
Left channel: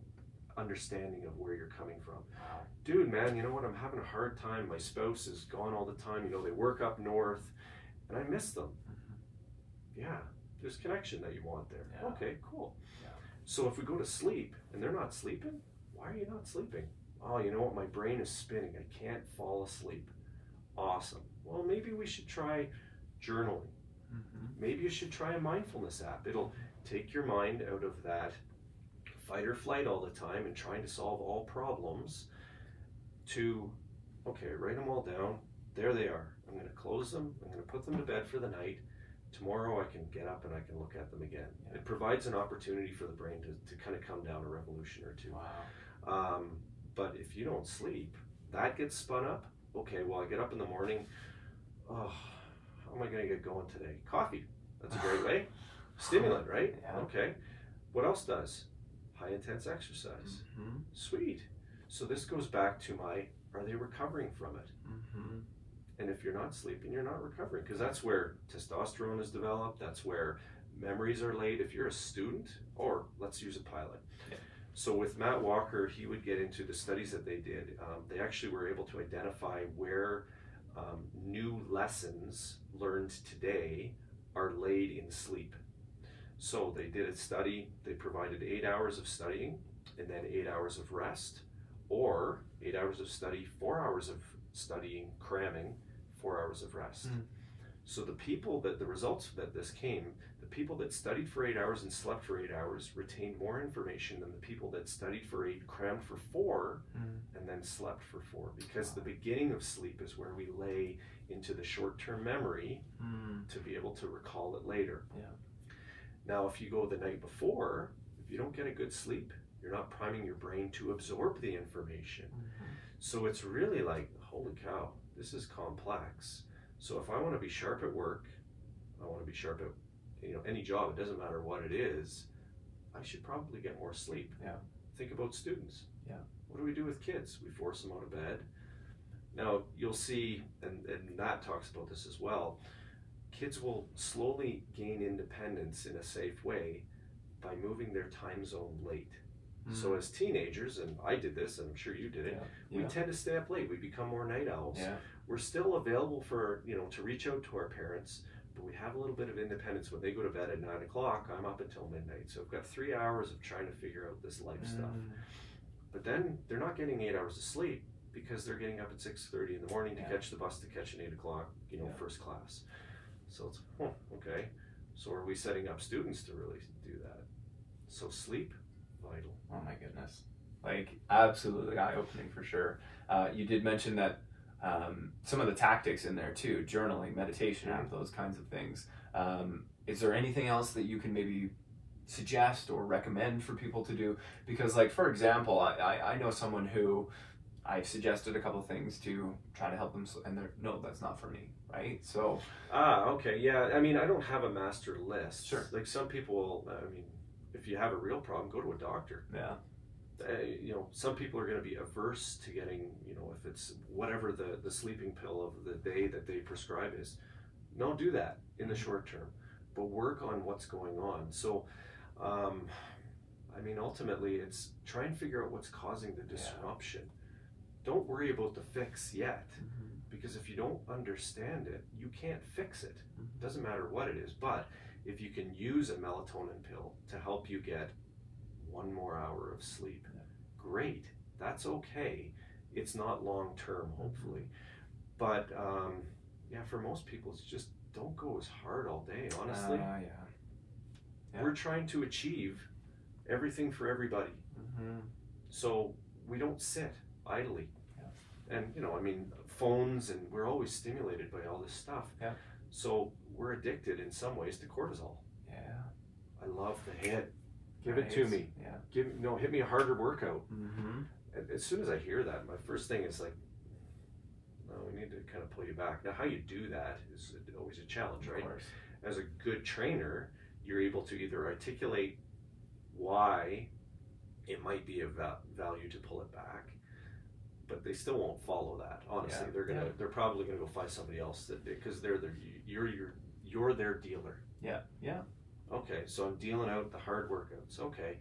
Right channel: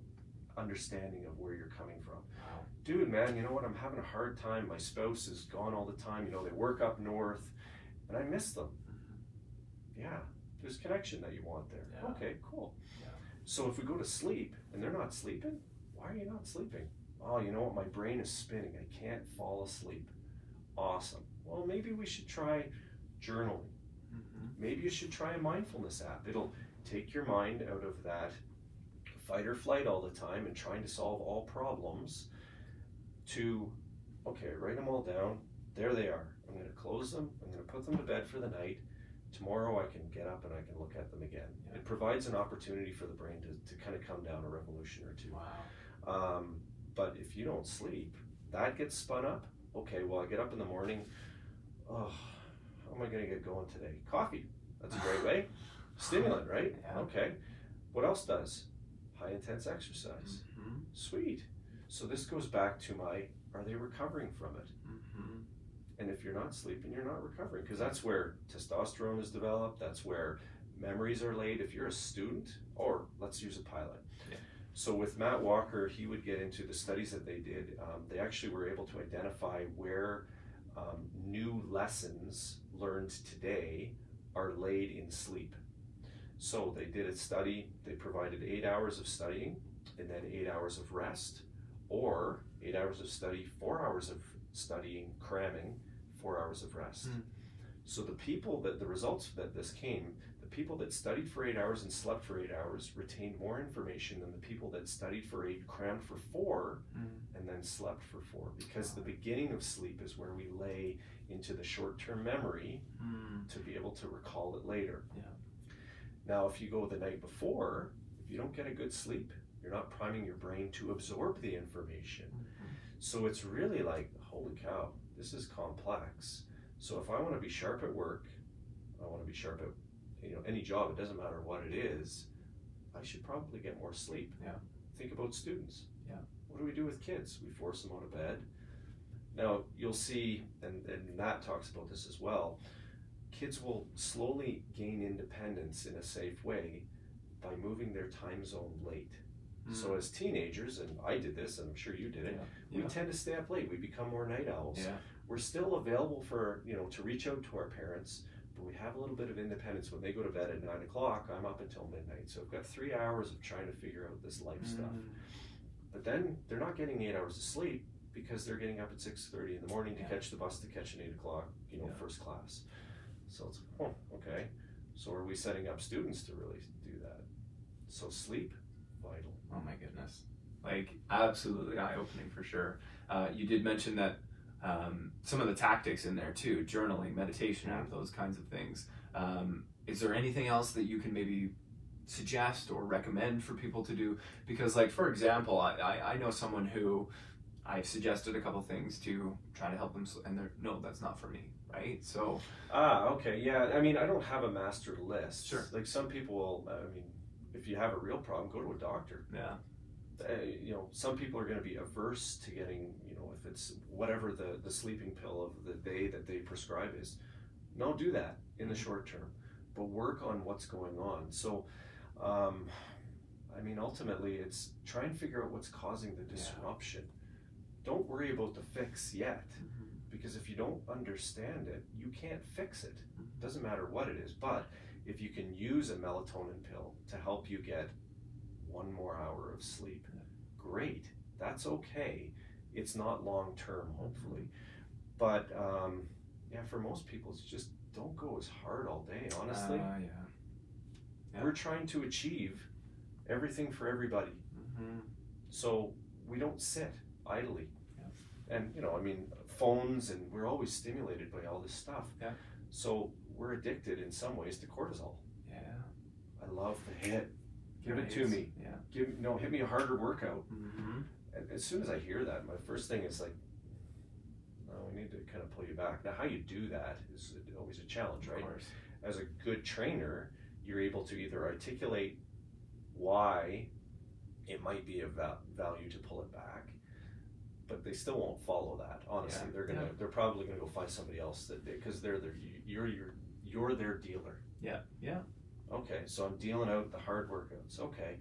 understanding of where you're coming from. Dude, man, you know what? I'm having a hard time. My spouse is gone all the time. They work up north, and I miss them. Yeah, there's connection that you want there. Okay, cool. So if we go to sleep and they're not sleeping, why are you not sleeping? Oh, you know what? My brain is spinning. I can't fall asleep. Awesome. Well, maybe we should try journaling. Maybe you should try a mindfulness app. It'll take your mind out of that fight or flight all the time and trying to solve all problems to, okay, write them all down. There they are. I'm going to close them. I'm going to put them to bed for the night. Tomorrow I can get up and I can look at them again. It provides an opportunity for the brain to kind of come down a revolution or two. But if you don't sleep, that gets spun up. Okay, well, I get up in the morning. Oh, how am I going to get going today? Coffee. That's a great way. Stimulant, right? Okay. What else does? high intense exercise. Mm-hmm. Sweet. So this goes back to my, are they recovering from it? Mm-hmm. And if you're not sleeping, you're not recovering, because that's where testosterone is developed. That's where memories are laid. If you're a student, or let's use a pilot. Yeah. So with Matt Walker, he would get into the studies that they did. They actually were able to identify where new lessons learned today are laid in sleep. So they did a study. They provided 8 hours of studying and then 8 hours of rest, or 8 hours of study, 4 hours of studying, cramming, 4 hours of rest. Mm. So the results that this came, the people that studied for 8 hours and slept for 8 hours retained more information than the people that studied for 8, crammed for 4, and then slept for 4. Because the beginning of sleep is where we lay into the short-term memory to be able to recall it later. Yeah. Now, if you go the night before, if you don't get a good sleep, you're not priming your brain to absorb the information. So it's really like, holy cow, this is complex. So if I want to be sharp at work, I want to be sharp at any job, it doesn't matter what it is, I should probably get more sleep. Yeah. Think about students. Yeah. What do we do with kids? We force them out of bed. Now you'll see, and Nat talks about this as well, kids will slowly gain independence in a safe way by moving their time zone late. So as teenagers, and I did this, and I'm sure you did it, we tend to stay up late. We become more night owls. Yeah. We're still available for, to reach out to our parents, but we have a little bit of independence. When they go to bed at 9 o'clock, I'm up until midnight. So I've got 3 hours of trying to figure out this life stuff. But then they're not getting 8 hours of sleep because they're getting up at 6:30 in the morning to catch the bus to catch an 8 o'clock, first class. So it's, okay. So are we setting up students to really do that? So sleep, vital. Oh my goodness. Like, absolutely eye-opening for sure. You did mention that some of the tactics in there too, journaling, meditation, those kinds of things. Is there anything else that you can maybe suggest or recommend for people to do? Because, like, for example, I know someone who I've suggested a couple of things to try to help them, and they're, no, that's not for me, right? So. Okay, yeah. I mean, I don't have a master list. Sure. Like some people will, if you have a real problem, go to a doctor. Yeah. Some people are going to be averse to getting, if it's whatever the sleeping pill of the day that they prescribe is. No, do that in the short term, but work on what's going on. So, ultimately, it's try and figure out what's causing the disruption. Don't worry about the fix yet, because if you don't understand it, you can't fix it. Doesn't matter what it is, but if you can use a melatonin pill to help you get 1 more hour of sleep, great. That's okay. It's not long term, hopefully. But for most people, it's just don't go as hard all day, honestly. We're trying to achieve everything for everybody. So we don't sit idly. And, phones, and we're always stimulated by all this stuff. So we're addicted in some ways to cortisol. I love the hit. Give it to me. Hit me a harder workout. As soon as I hear that, my first thing is like, no, we need to kind of pull you back. Now, how you do that is always a challenge, right? As a good trainer, you're able to either articulate why it might be of value to pull it back, but they still won't follow that. Honestly, they're probably gonna go find somebody else because you're their dealer. Okay, so I'm dealing out the hard workouts. Okay,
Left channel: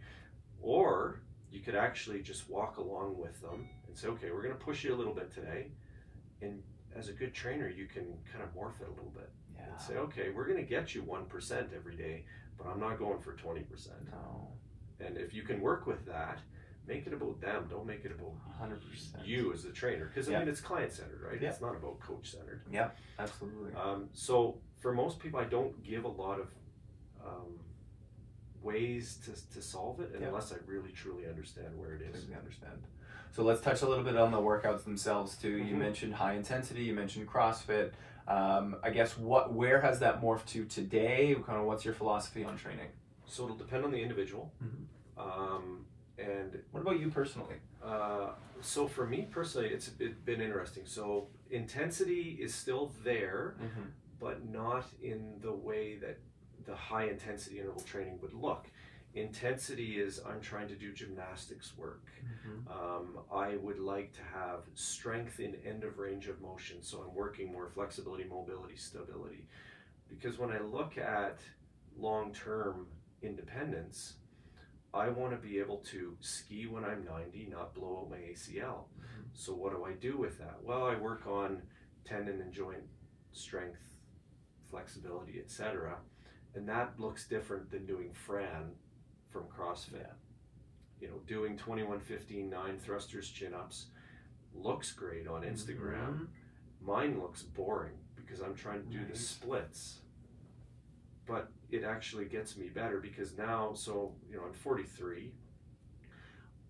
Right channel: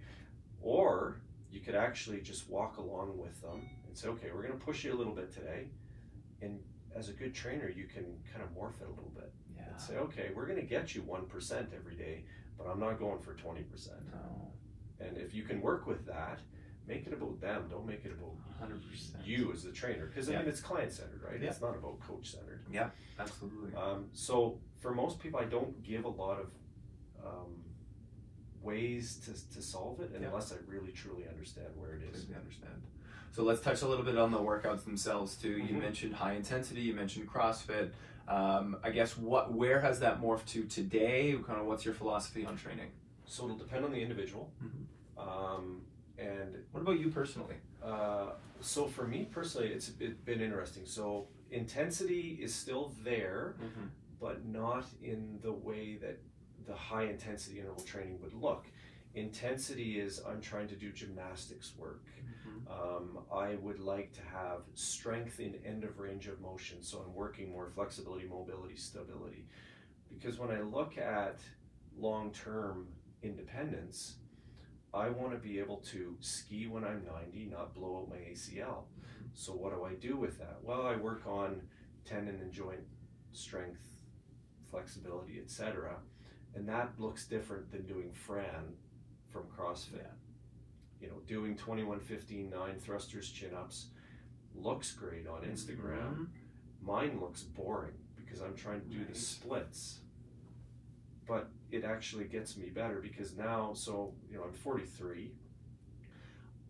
or you could actually just walk along with them and say, okay, we're gonna push you a little bit today, and as a good trainer, you can kind of morph it a little bit and say, okay, we're gonna get you 1% every day, but I'm not going for 20%. No. And if you can work with that, make it about them. Don't make it about 100%. You as the trainer, because it's client-centered, right? It's not about coach-centered. Yeah, absolutely. So for most people, I don't give a lot of ways to solve it unless I really truly understand where it is. Completely understand. So let's touch a little bit on the workouts themselves too. You mentioned high intensity. You mentioned CrossFit. I guess where has that morphed to today? Kind of what's your philosophy on training? So it'll depend on the individual. And what about you personally? So for me personally, it's been interesting. So intensity is still there, but not in the way that the high intensity interval training would look. Intensity is I'm trying to do gymnastics work. I would like to have strength in end of range of motion, so I'm working more flexibility, mobility, stability. Because when I look at long-term independence, I want to be able to ski when I'm 90, not blow out my ACL. So what do I do with that? Well, I work on tendon and joint strength, flexibility, etc. And that looks different than doing Fran from CrossFit. You know, doing 21, 15, 9 thrusters, chin-ups looks great on Instagram. Mine looks boring because I'm trying to do the splits. But it actually gets me better because now, so, you know, I'm 43.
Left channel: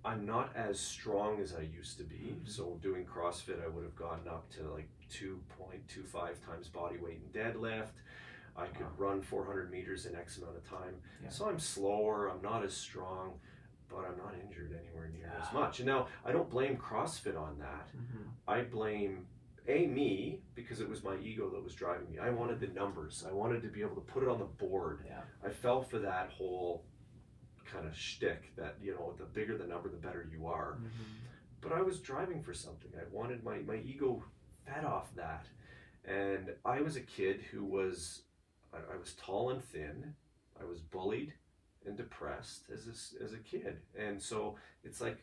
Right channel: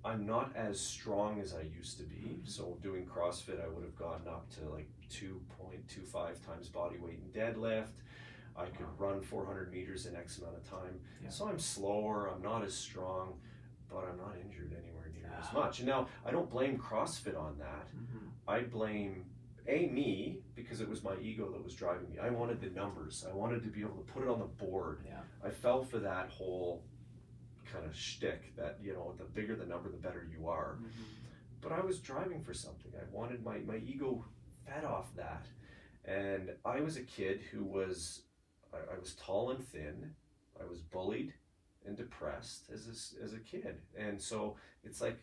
I'm not as strong as I used to be. So doing CrossFit, I would have gotten up to like 2.25 times body weight in deadlift. I could run 400 meters in X amount of time. So I'm slower, I'm not as strong, but I'm not injured anywhere near as much. And now, I don't blame CrossFit on that. I blame, me, because it was my ego that was driving me. I wanted the numbers. I wanted to be able to put it on the board. I fell for that whole kind of shtick that, you know, the bigger the number, the better you are. But I was driving for something. I wanted my ego fed off that. And I was a kid who was, I was tall and thin. I was bullied and depressed as a kid. And so it's like,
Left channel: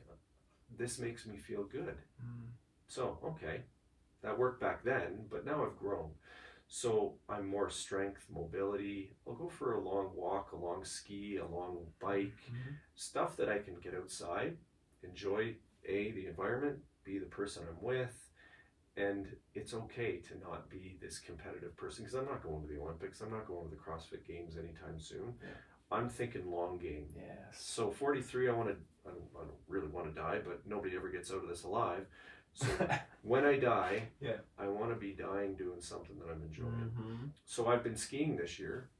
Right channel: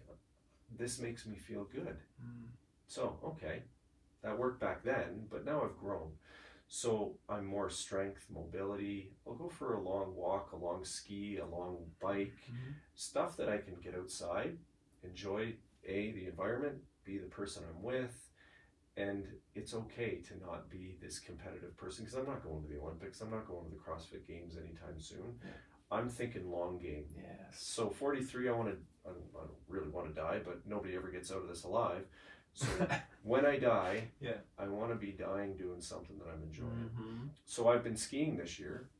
this makes me feel good. So, okay, that worked back then, but now I've grown. So I'm more strength, mobility. I'll go for a long walk, a long ski, a long bike, stuff that I can get outside, enjoy A, the environment, B, the person I'm with, and it's okay to not be this competitive person because I'm not going to the Olympics, I'm not going to the CrossFit Games anytime soon. I'm thinking long game. So 43, I don't really want to die, but nobody ever gets out of this alive. So when I die, I want to be dying doing something that I'm enjoying. So I've been skiing this year.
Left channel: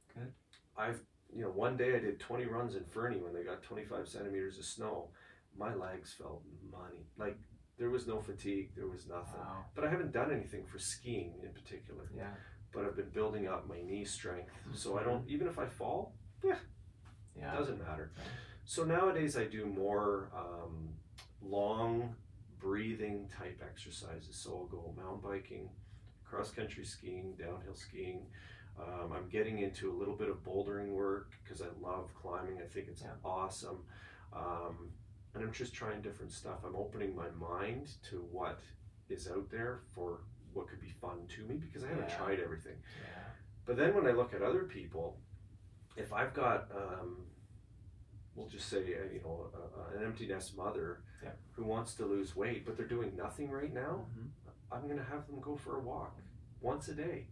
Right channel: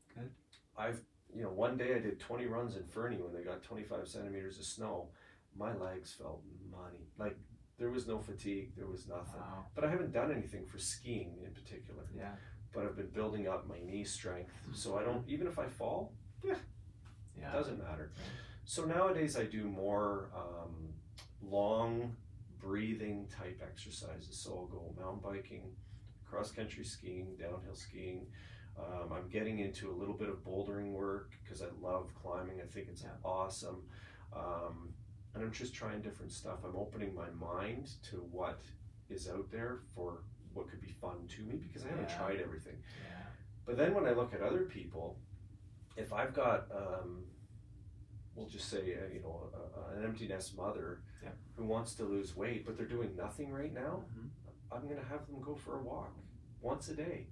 I've, you know, one day I did 20 runs in Fernie when they got 25 centimeters of snow. My legs felt money. Like, there was no fatigue, there was nothing. But I haven't done anything for skiing in particular. But I've been building up my knee strength. So I don't, even if I fall, it doesn't matter. So nowadays I do more long breathing type exercises. So I'll go mountain biking, cross-country skiing, downhill skiing. I'm getting into a little bit of bouldering work because I love climbing. I think it's awesome. And I'm just trying different stuff. I'm opening my mind to what is out there for what could be fun to me because I haven't tried everything. But then when I look at other people, if I've got, we'll just say, you know, an empty nest mother who wants to lose weight, but they're doing nothing right now, I'm going to have them go for a walk once a day.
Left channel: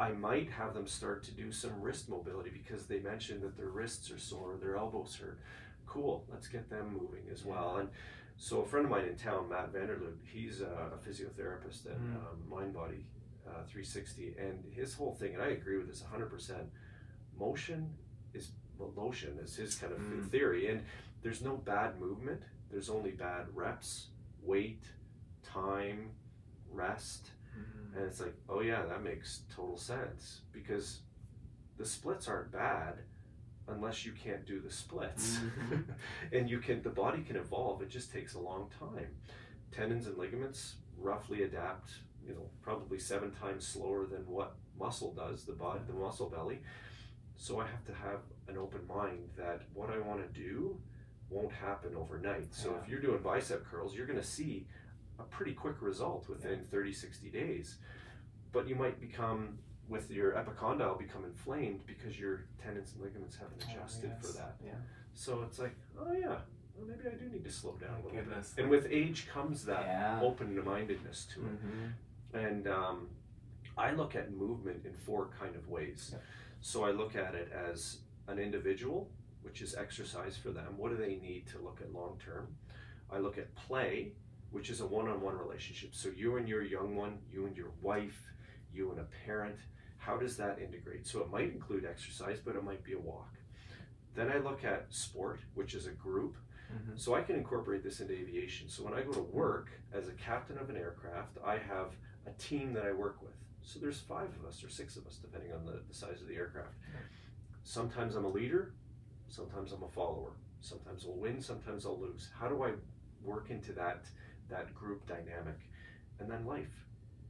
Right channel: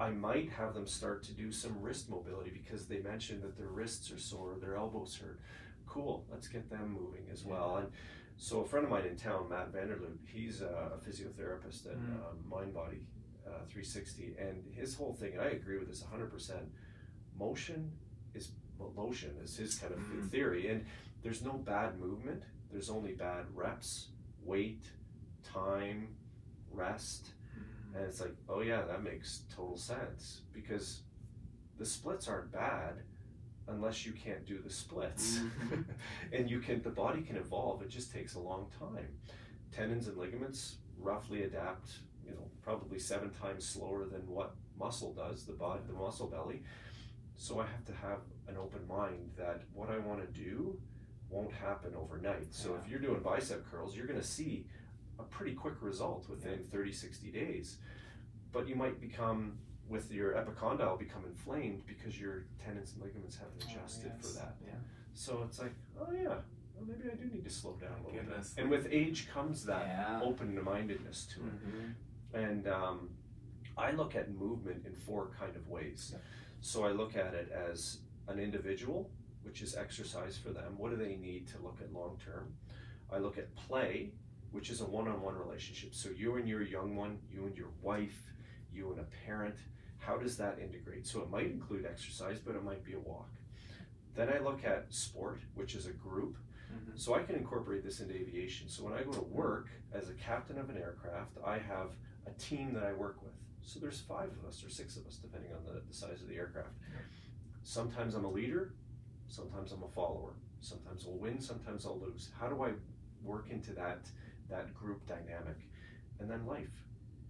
I might have them start to do some wrist mobility because they mentioned that their wrists are sore, their elbows hurt. Cool, let's get them moving as well. And so a friend of mine in town, Matt Vanderloop, he's a physiotherapist at Mind Body 360, and his whole thing, and I agree with this 100%, motion is his kind of theory, and there's no bad movement, there's only bad reps, weight, time, rest, and it's like, oh yeah, that makes total sense, because the splits aren't bad unless you can't do the splits. And the body can evolve, it just takes a long time. Tendons and ligaments roughly adapt, you know, probably 7 times slower than what muscle does, the muscle belly. So I have to have an open mind that what I want to do won't happen overnight. So if you're doing bicep curls, you're going to see a pretty quick result within 30, 60 days. But you might become, with your epicondyle, become inflamed because your tendons and ligaments haven't adjusted for that. So it's like, oh yeah, well, maybe I do need to slow down a little bit. And with age comes that open-mindedness to it. And I look at movement in 4 kind of ways. So I look at it as an individual, which is exercise for them. What do they need to look at long term? I look at play, which is a one-on-one relationship. So you and your young one, you and your wife, you and a parent, how does that integrate? So it might include exercise, but it might be a walk. Then I look at sport, which is a group. So I can incorporate this into aviation. So when I go to work as a captain of an aircraft, I have a team that I work with. So there's 5 of us or 6 of us, depending on the size of the aircraft. Sometimes I'm a leader, Sometimes I'm a follower. Sometimes I'll win, sometimes I'll lose. How do I work into that group dynamic? And then life,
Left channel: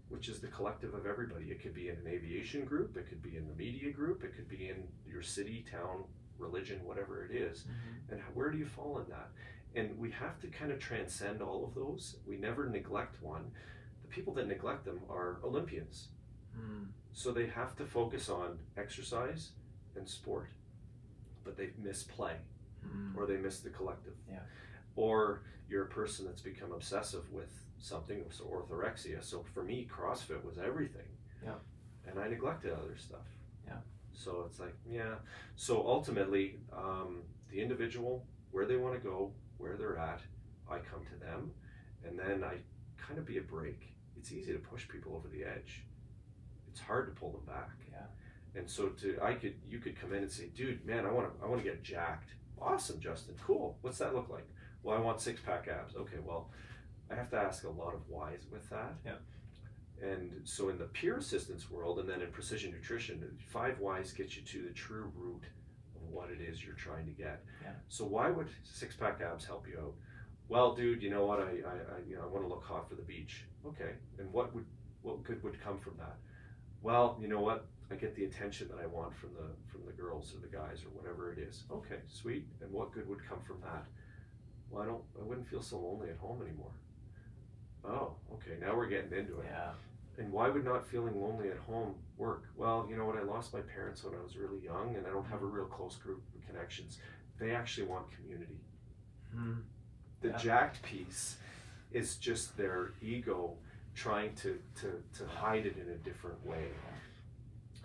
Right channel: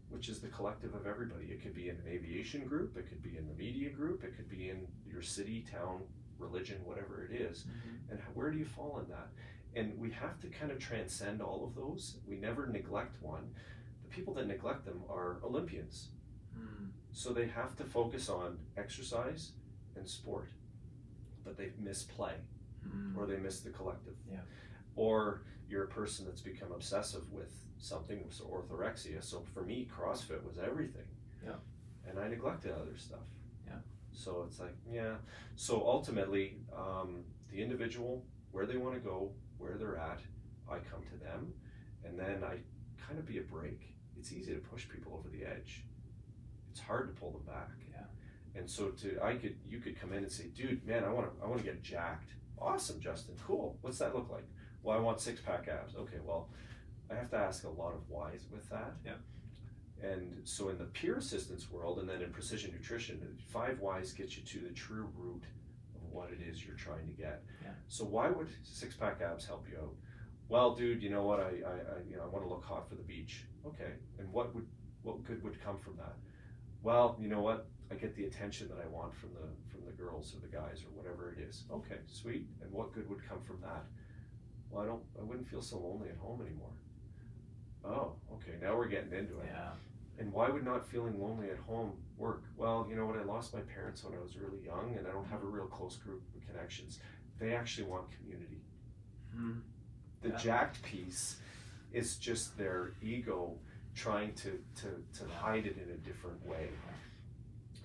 which is the collective of everybody. It could be in an aviation group, it could be in the media group, it could be in your city, town, religion, whatever it is. And where do you fall in that? And we have to kind of transcend all of those. We never neglect one. The people that neglect them are Olympians. So they have to focus on exercise and sport, but they miss play, or they miss the collective. Or you're a person that's become obsessive with something, so orthorexia. So for me, CrossFit was everything. And I neglected other stuff. So it's like, So ultimately, the individual, where they want to go, where they're at, I come to them, and then I kind of be a brake. It's easy to push people over the edge. It's hard to pull them back. And so you could come in and say, dude, man, I want to get jacked. Awesome, Justin, cool. What's that look like? Well, I want 6-pack abs. Okay, well, I have to ask a lot of whys with that. And so in the peer assistance world, and then in precision nutrition, 5 whys get you to the true root of what it is you're trying to get. So why would 6-pack abs help you out? Well, dude, you know what? I want to look hot for the beach. Okay, and what good would come from that? Well, you know what? I get the attention that I want from the girls or the guys or whatever it is. Okay, sweet. And what good would come from that? Well, I wouldn't feel so lonely at home anymore. Oh, okay, now we're getting into it. And why would not feeling lonely at home work? Well, you know what? I lost my parents when I was really young, and I don't have a real close group of connections. They actually want community. The jacked piece is just their ego trying to hide it in a different way.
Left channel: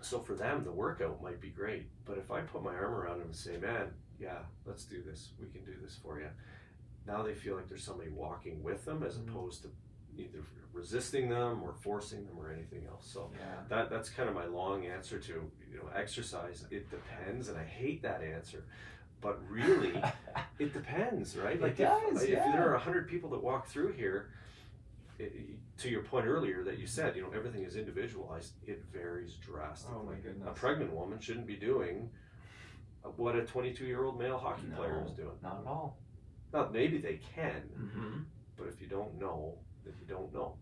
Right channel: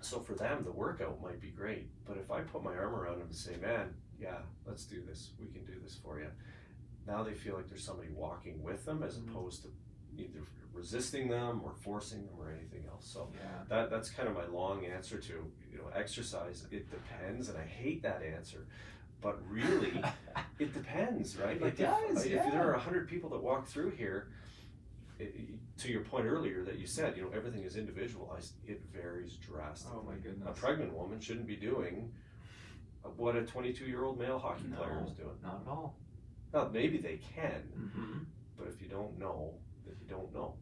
So for them, the workout might be great, but if I put my arm around them and say, man, let's do this, we can do this for you. Now they feel like there's somebody walking with them as opposed to either resisting them or forcing them or anything else. So that's kind of my long answer to, exercise. It depends, and I hate that answer. But really, it depends, right? Like if there are 100 people that walk through here, to your point earlier that you said, everything is individualized. It varies drastically. Oh my goodness. A pregnant woman shouldn't be doing what a 22-year-old male hockey player is doing. Not at all. Now, maybe they can, but if you don't know, then you don't know.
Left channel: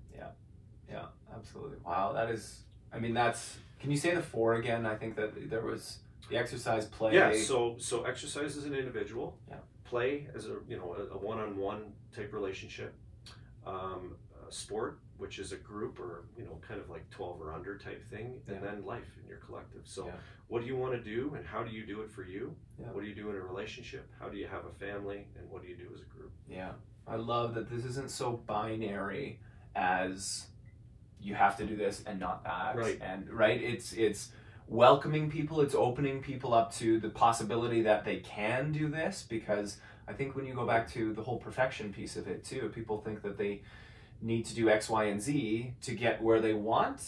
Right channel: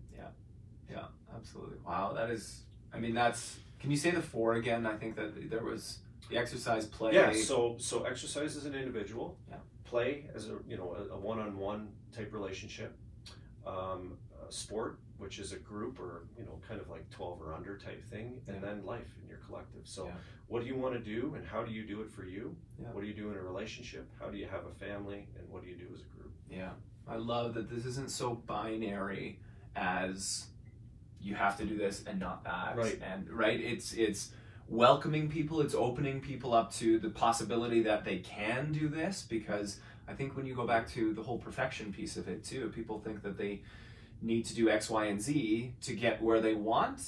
Yeah, absolutely. Wow, that is, can you say the 4 again? I think that there was the exercise, play. Yeah, so exercise as an individual, play as a one-on-one type relationship, sport, which is a group or kind of like 12 or under type thing, and then life in your collective. So what do you want to do, and how do you do it for you? What do you do in a relationship? How do you have a family, and what do you do as a group? I love that this isn't so binary as you have to do this and not that. It's welcoming people, it's opening people up to the possibility that they can do this, because I think when you go back to the whole perfection piece of it too, people think that they need to do X, Y, and Z to get where they want,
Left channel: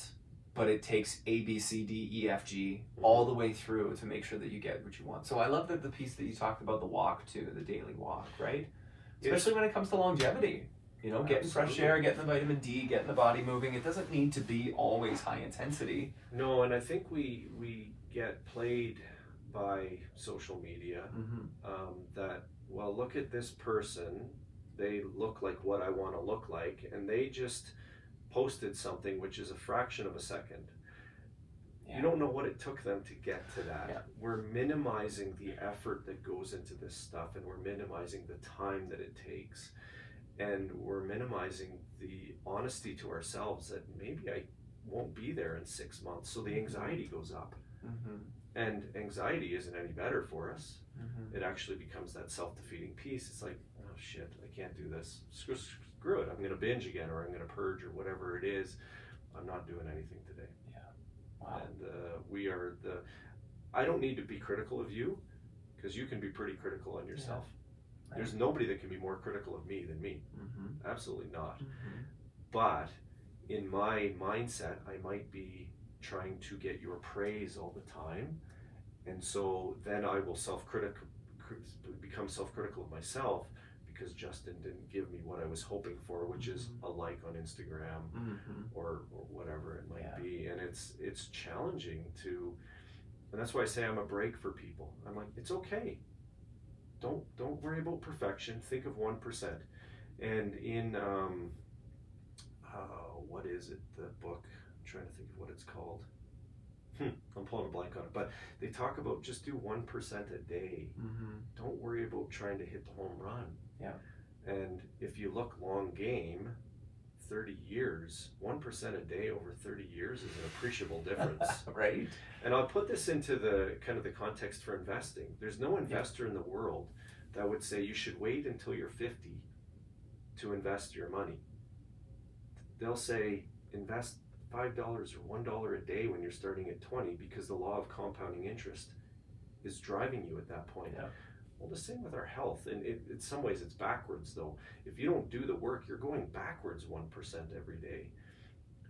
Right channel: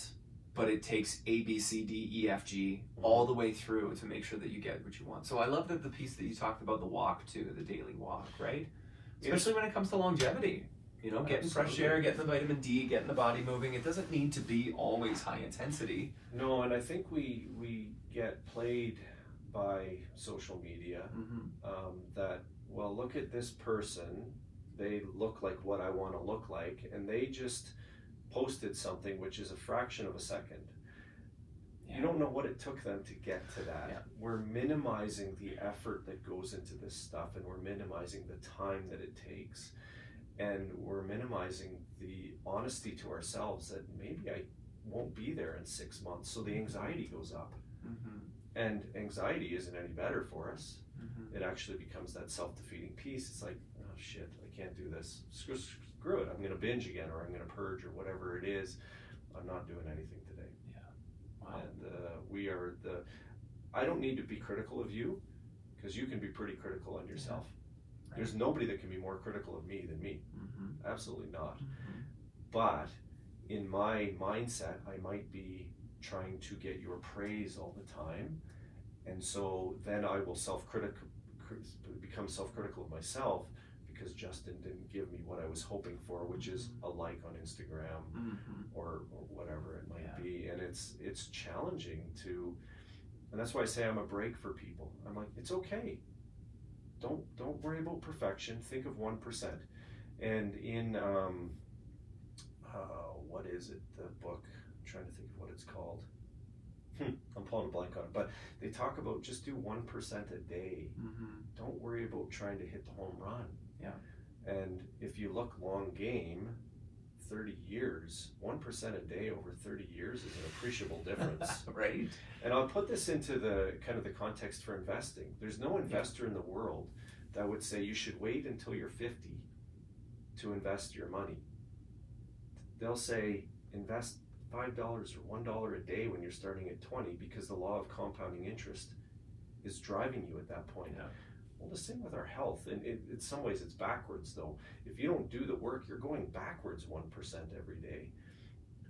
but it takes A, B, C, D, E, F, G all the way through to make sure that you get what you want. So I love that the piece that you talked about, the walk too, the daily walk, right? Especially when it comes to longevity. Getting fresh air, getting the vitamin D, getting the body moving. It doesn't need to be always high intensity. No, and I think we get played by social media that, well, look at this person. They look like what I want to look like, and they just posted something which is a fraction of a second. You don't know what it took them to get to that. We're minimizing the effort that goes into this stuff, and we're minimizing the time that it takes. And we're minimizing the honesty to ourselves that maybe I won't be there in 6 months. So the anxiety goes up. And anxiety isn't any better for us. It actually becomes that self-defeating piece. It's like, oh shit, I can't do this. Screw it. I'm going to binge again, or I'm going to purge, or whatever it is. I'm not doing anything today. Wow. And I don't need to be critical of you, because you can be pretty critical on yourself. There's nobody that can be more critical of me than me. Absolutely not. But in my mindset, I might be trying to get your praise all the time. And so then I will become self-critical of myself, because Justin didn't give me what I was hoping for, which is a like on Instagram or whatever it might be. And it's challenging and that's why I say I'm a break for people. I'm like, it's okay. don't worry about perfection. Think of 1%. And in what is it? The book. I'm trying to think of what it's called. I'm pulling a blank on it. But they talk about just do 1% a day. Don't worry about trying to hit the home run. Yeah. And if you look long game, 30 years, 1% a day over 30 years is an appreciable difference. Right. And I'll put this into the kind of the context for investing. There's no investor in the world that would say you should wait until you're 50 to invest your money. They'll say invest $5 or $1 a day when you're starting at 20 because the law of compounding interest is driving you at that point. Yeah. Well, the same with our health. And in some ways it's backwards though. If you don't do the work, you're going backwards 1% every day.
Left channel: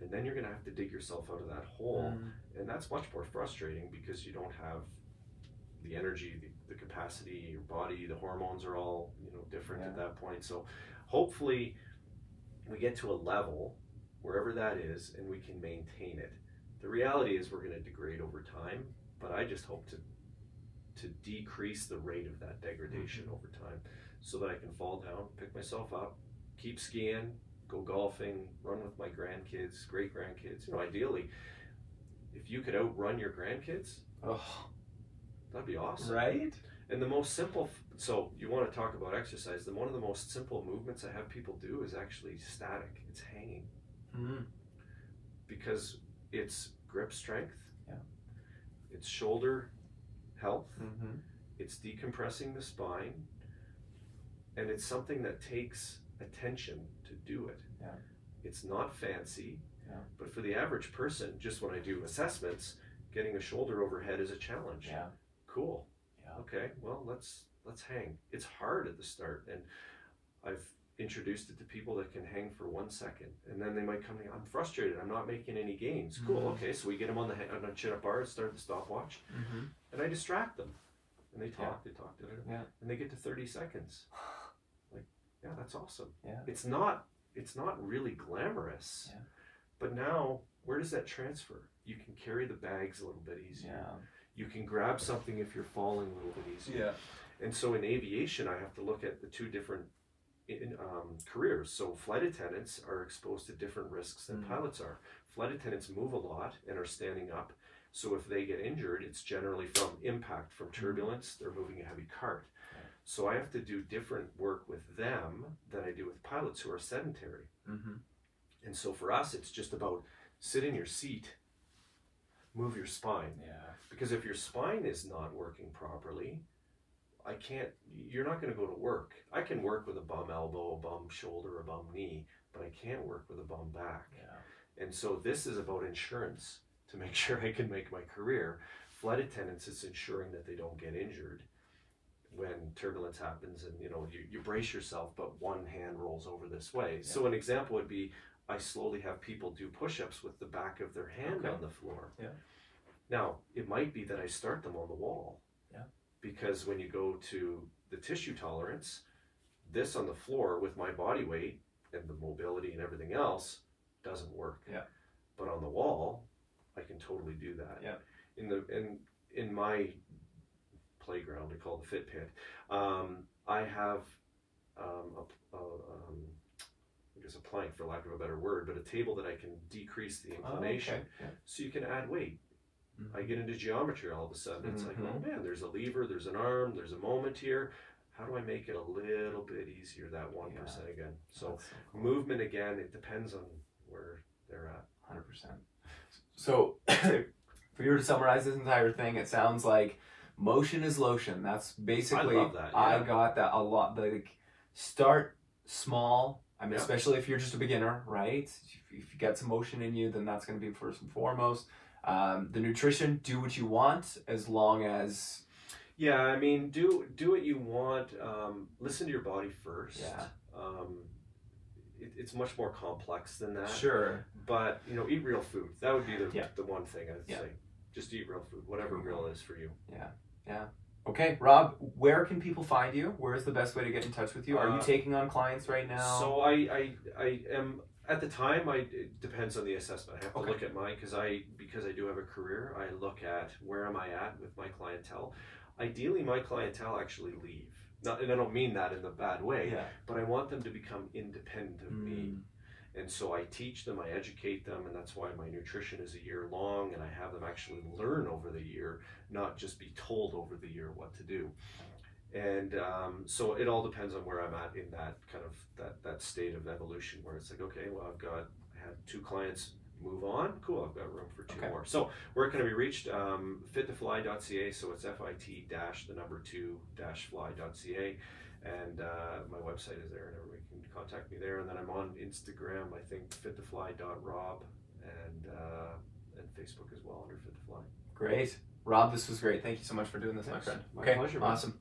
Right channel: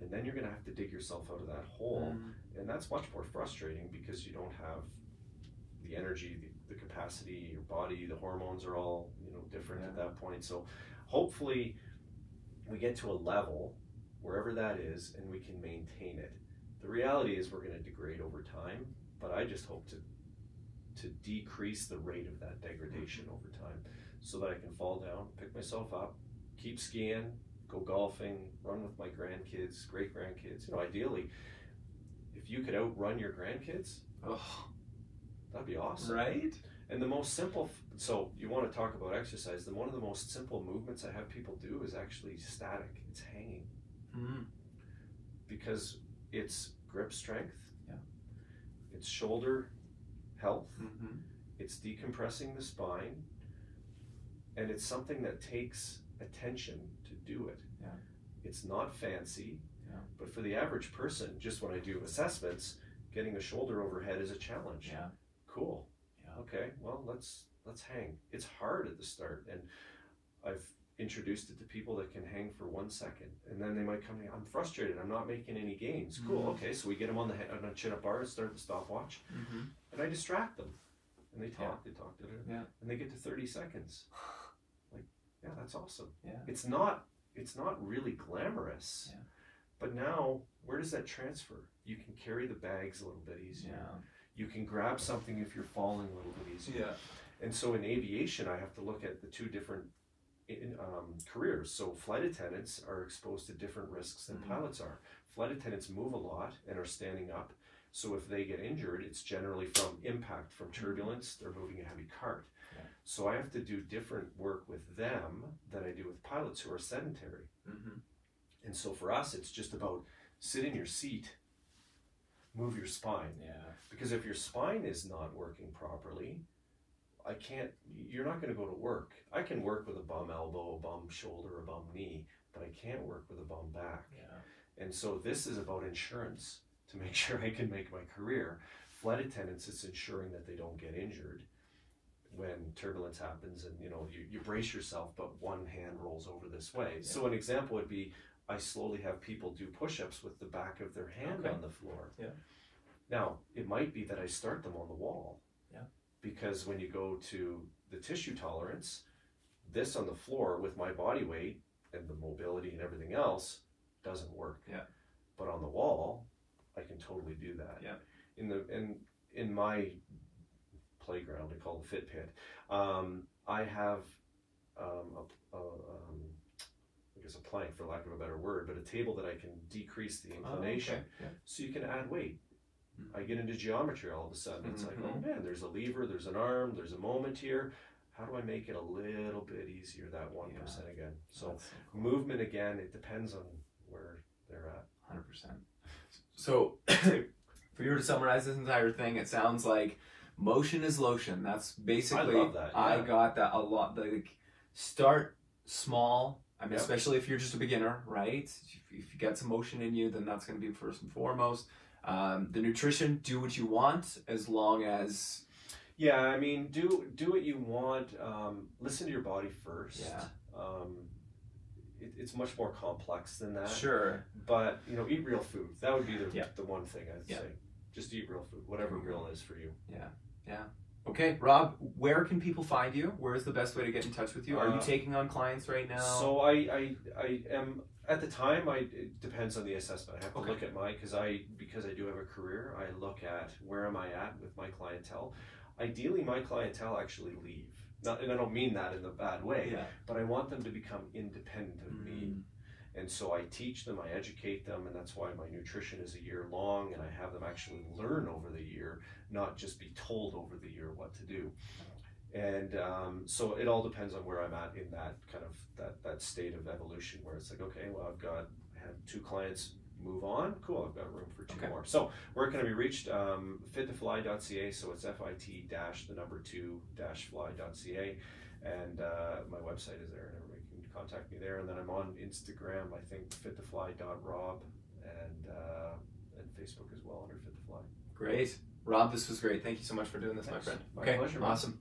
And then you're going to have to dig yourself out of that hole. And that's much more frustrating because you don't have the energy, the capacity, your body, the hormones are all, different at that point. So hopefully we get to a level wherever that is and we can maintain it. The reality is we're going to degrade over time, but I just hope to decrease the rate of that degradation over time so that I can fall down, pick myself up, keep skiing, go golfing, run with my grandkids, great grandkids. Ideally, if you could outrun your grandkids, that'd be awesome. Right? And the most simple, so you want to talk about exercise, then one of the most simple movements I have people do is actually static. It's hanging. Because it's grip strength, it's shoulder health, it's decompressing the spine, and it's something that takes attention to do it. It's not fancy, but for the average person, just when I do assessments, getting a shoulder overhead is a challenge. Cool. Okay, well, let's hang. It's hard at the start, and I've introduced it to people that can hang for 1 second, and then they might come in, I'm frustrated, I'm not making any gains. Cool, okay, so we get them on a chin-up bar, start the stopwatch, and I distract them, and they talk, and they get to 30 seconds. Like, that's awesome. It's not really glamorous, but now, where does that transfer? You can carry the bags a little bit easier. You can grab something if you're falling a little bit easier. And so in aviation, I have to look at the two different careers. So flight attendants are exposed to different risks than pilots are. Flight attendants move a lot and are standing up. So if they get injured, it's generally from impact, from turbulence. They're moving a heavy cart. So I have to do different work with them than I do with pilots who are sedentary. And so for us, it's just about sit in your seat, move your spine. Because if your spine is not working properly, you're not going to go to work. I can work with a bum elbow, a bum shoulder, a bum knee, but I can't work with a bum back. And so this is about insurance to make sure I can make my career. Flight attendants, it's ensuring that they don't get injured when turbulence happens and you brace yourself, but one hand rolls over this way. So an example would be I slowly have people do push-ups with the back of their hand on the floor. Now, it might be that I start them on the wall. Because when you go to the tissue tolerance, this on the floor with my body weight and the mobility and everything else doesn't work. But on the wall, I can totally do that. In my playground, I call it the Fit Pit, I have I guess a plank, for lack of a better word, but a table that I can decrease the inclination so you can add weight. I get into geometry all of a sudden. It's like, oh man, there's a lever, there's an arm, there's a moment here. How do I make it a little bit easier, that 1% again? So movement, again, it depends on where they're at. 100%. So for you to summarize this entire thing, it sounds like motion is lotion. That's basically, I love that. I got that a lot. Like, start small. I mean, especially if you're just a beginner, right? If you get some motion in you, then that's going to be first and foremost. The nutrition, do what you want as long as... I mean, do what you want. Listen to your body first. It's much more complex than that. But, eat real food. That would be the one thing I'd say. Just eat real food, whatever real is for you. Okay, Rob, where can people find you? Where is the best way to get in touch with you? Are you taking on clients right now? So I am... At the time, it depends on the assessment. I have to look at because I do have a career, I look at where am I at with my clientele. Ideally, my clientele actually leave. and I don't mean that in a bad way, Yeah. but I want them to become independent of me. And so I teach them, I educate them, and that's why my nutrition is a year long, and I have them actually learn over the year, not just be told over the year what to do. And so it all depends on where I'm at in that kind of that state of evolution, where it's like, okay, well, I had 2 clients move on, cool, I've got room for 2 more. So where can I be reached? Fit2fly.ca, so it's fit-2-fly.ca, and my website is there, and everybody can contact me there. And then I'm on Instagram, I think fit2fly.rob, and Facebook as well under Fit2Fly. Great. Rob, this was great. Thank you so much for doing this, my friend. My pleasure, man. Awesome.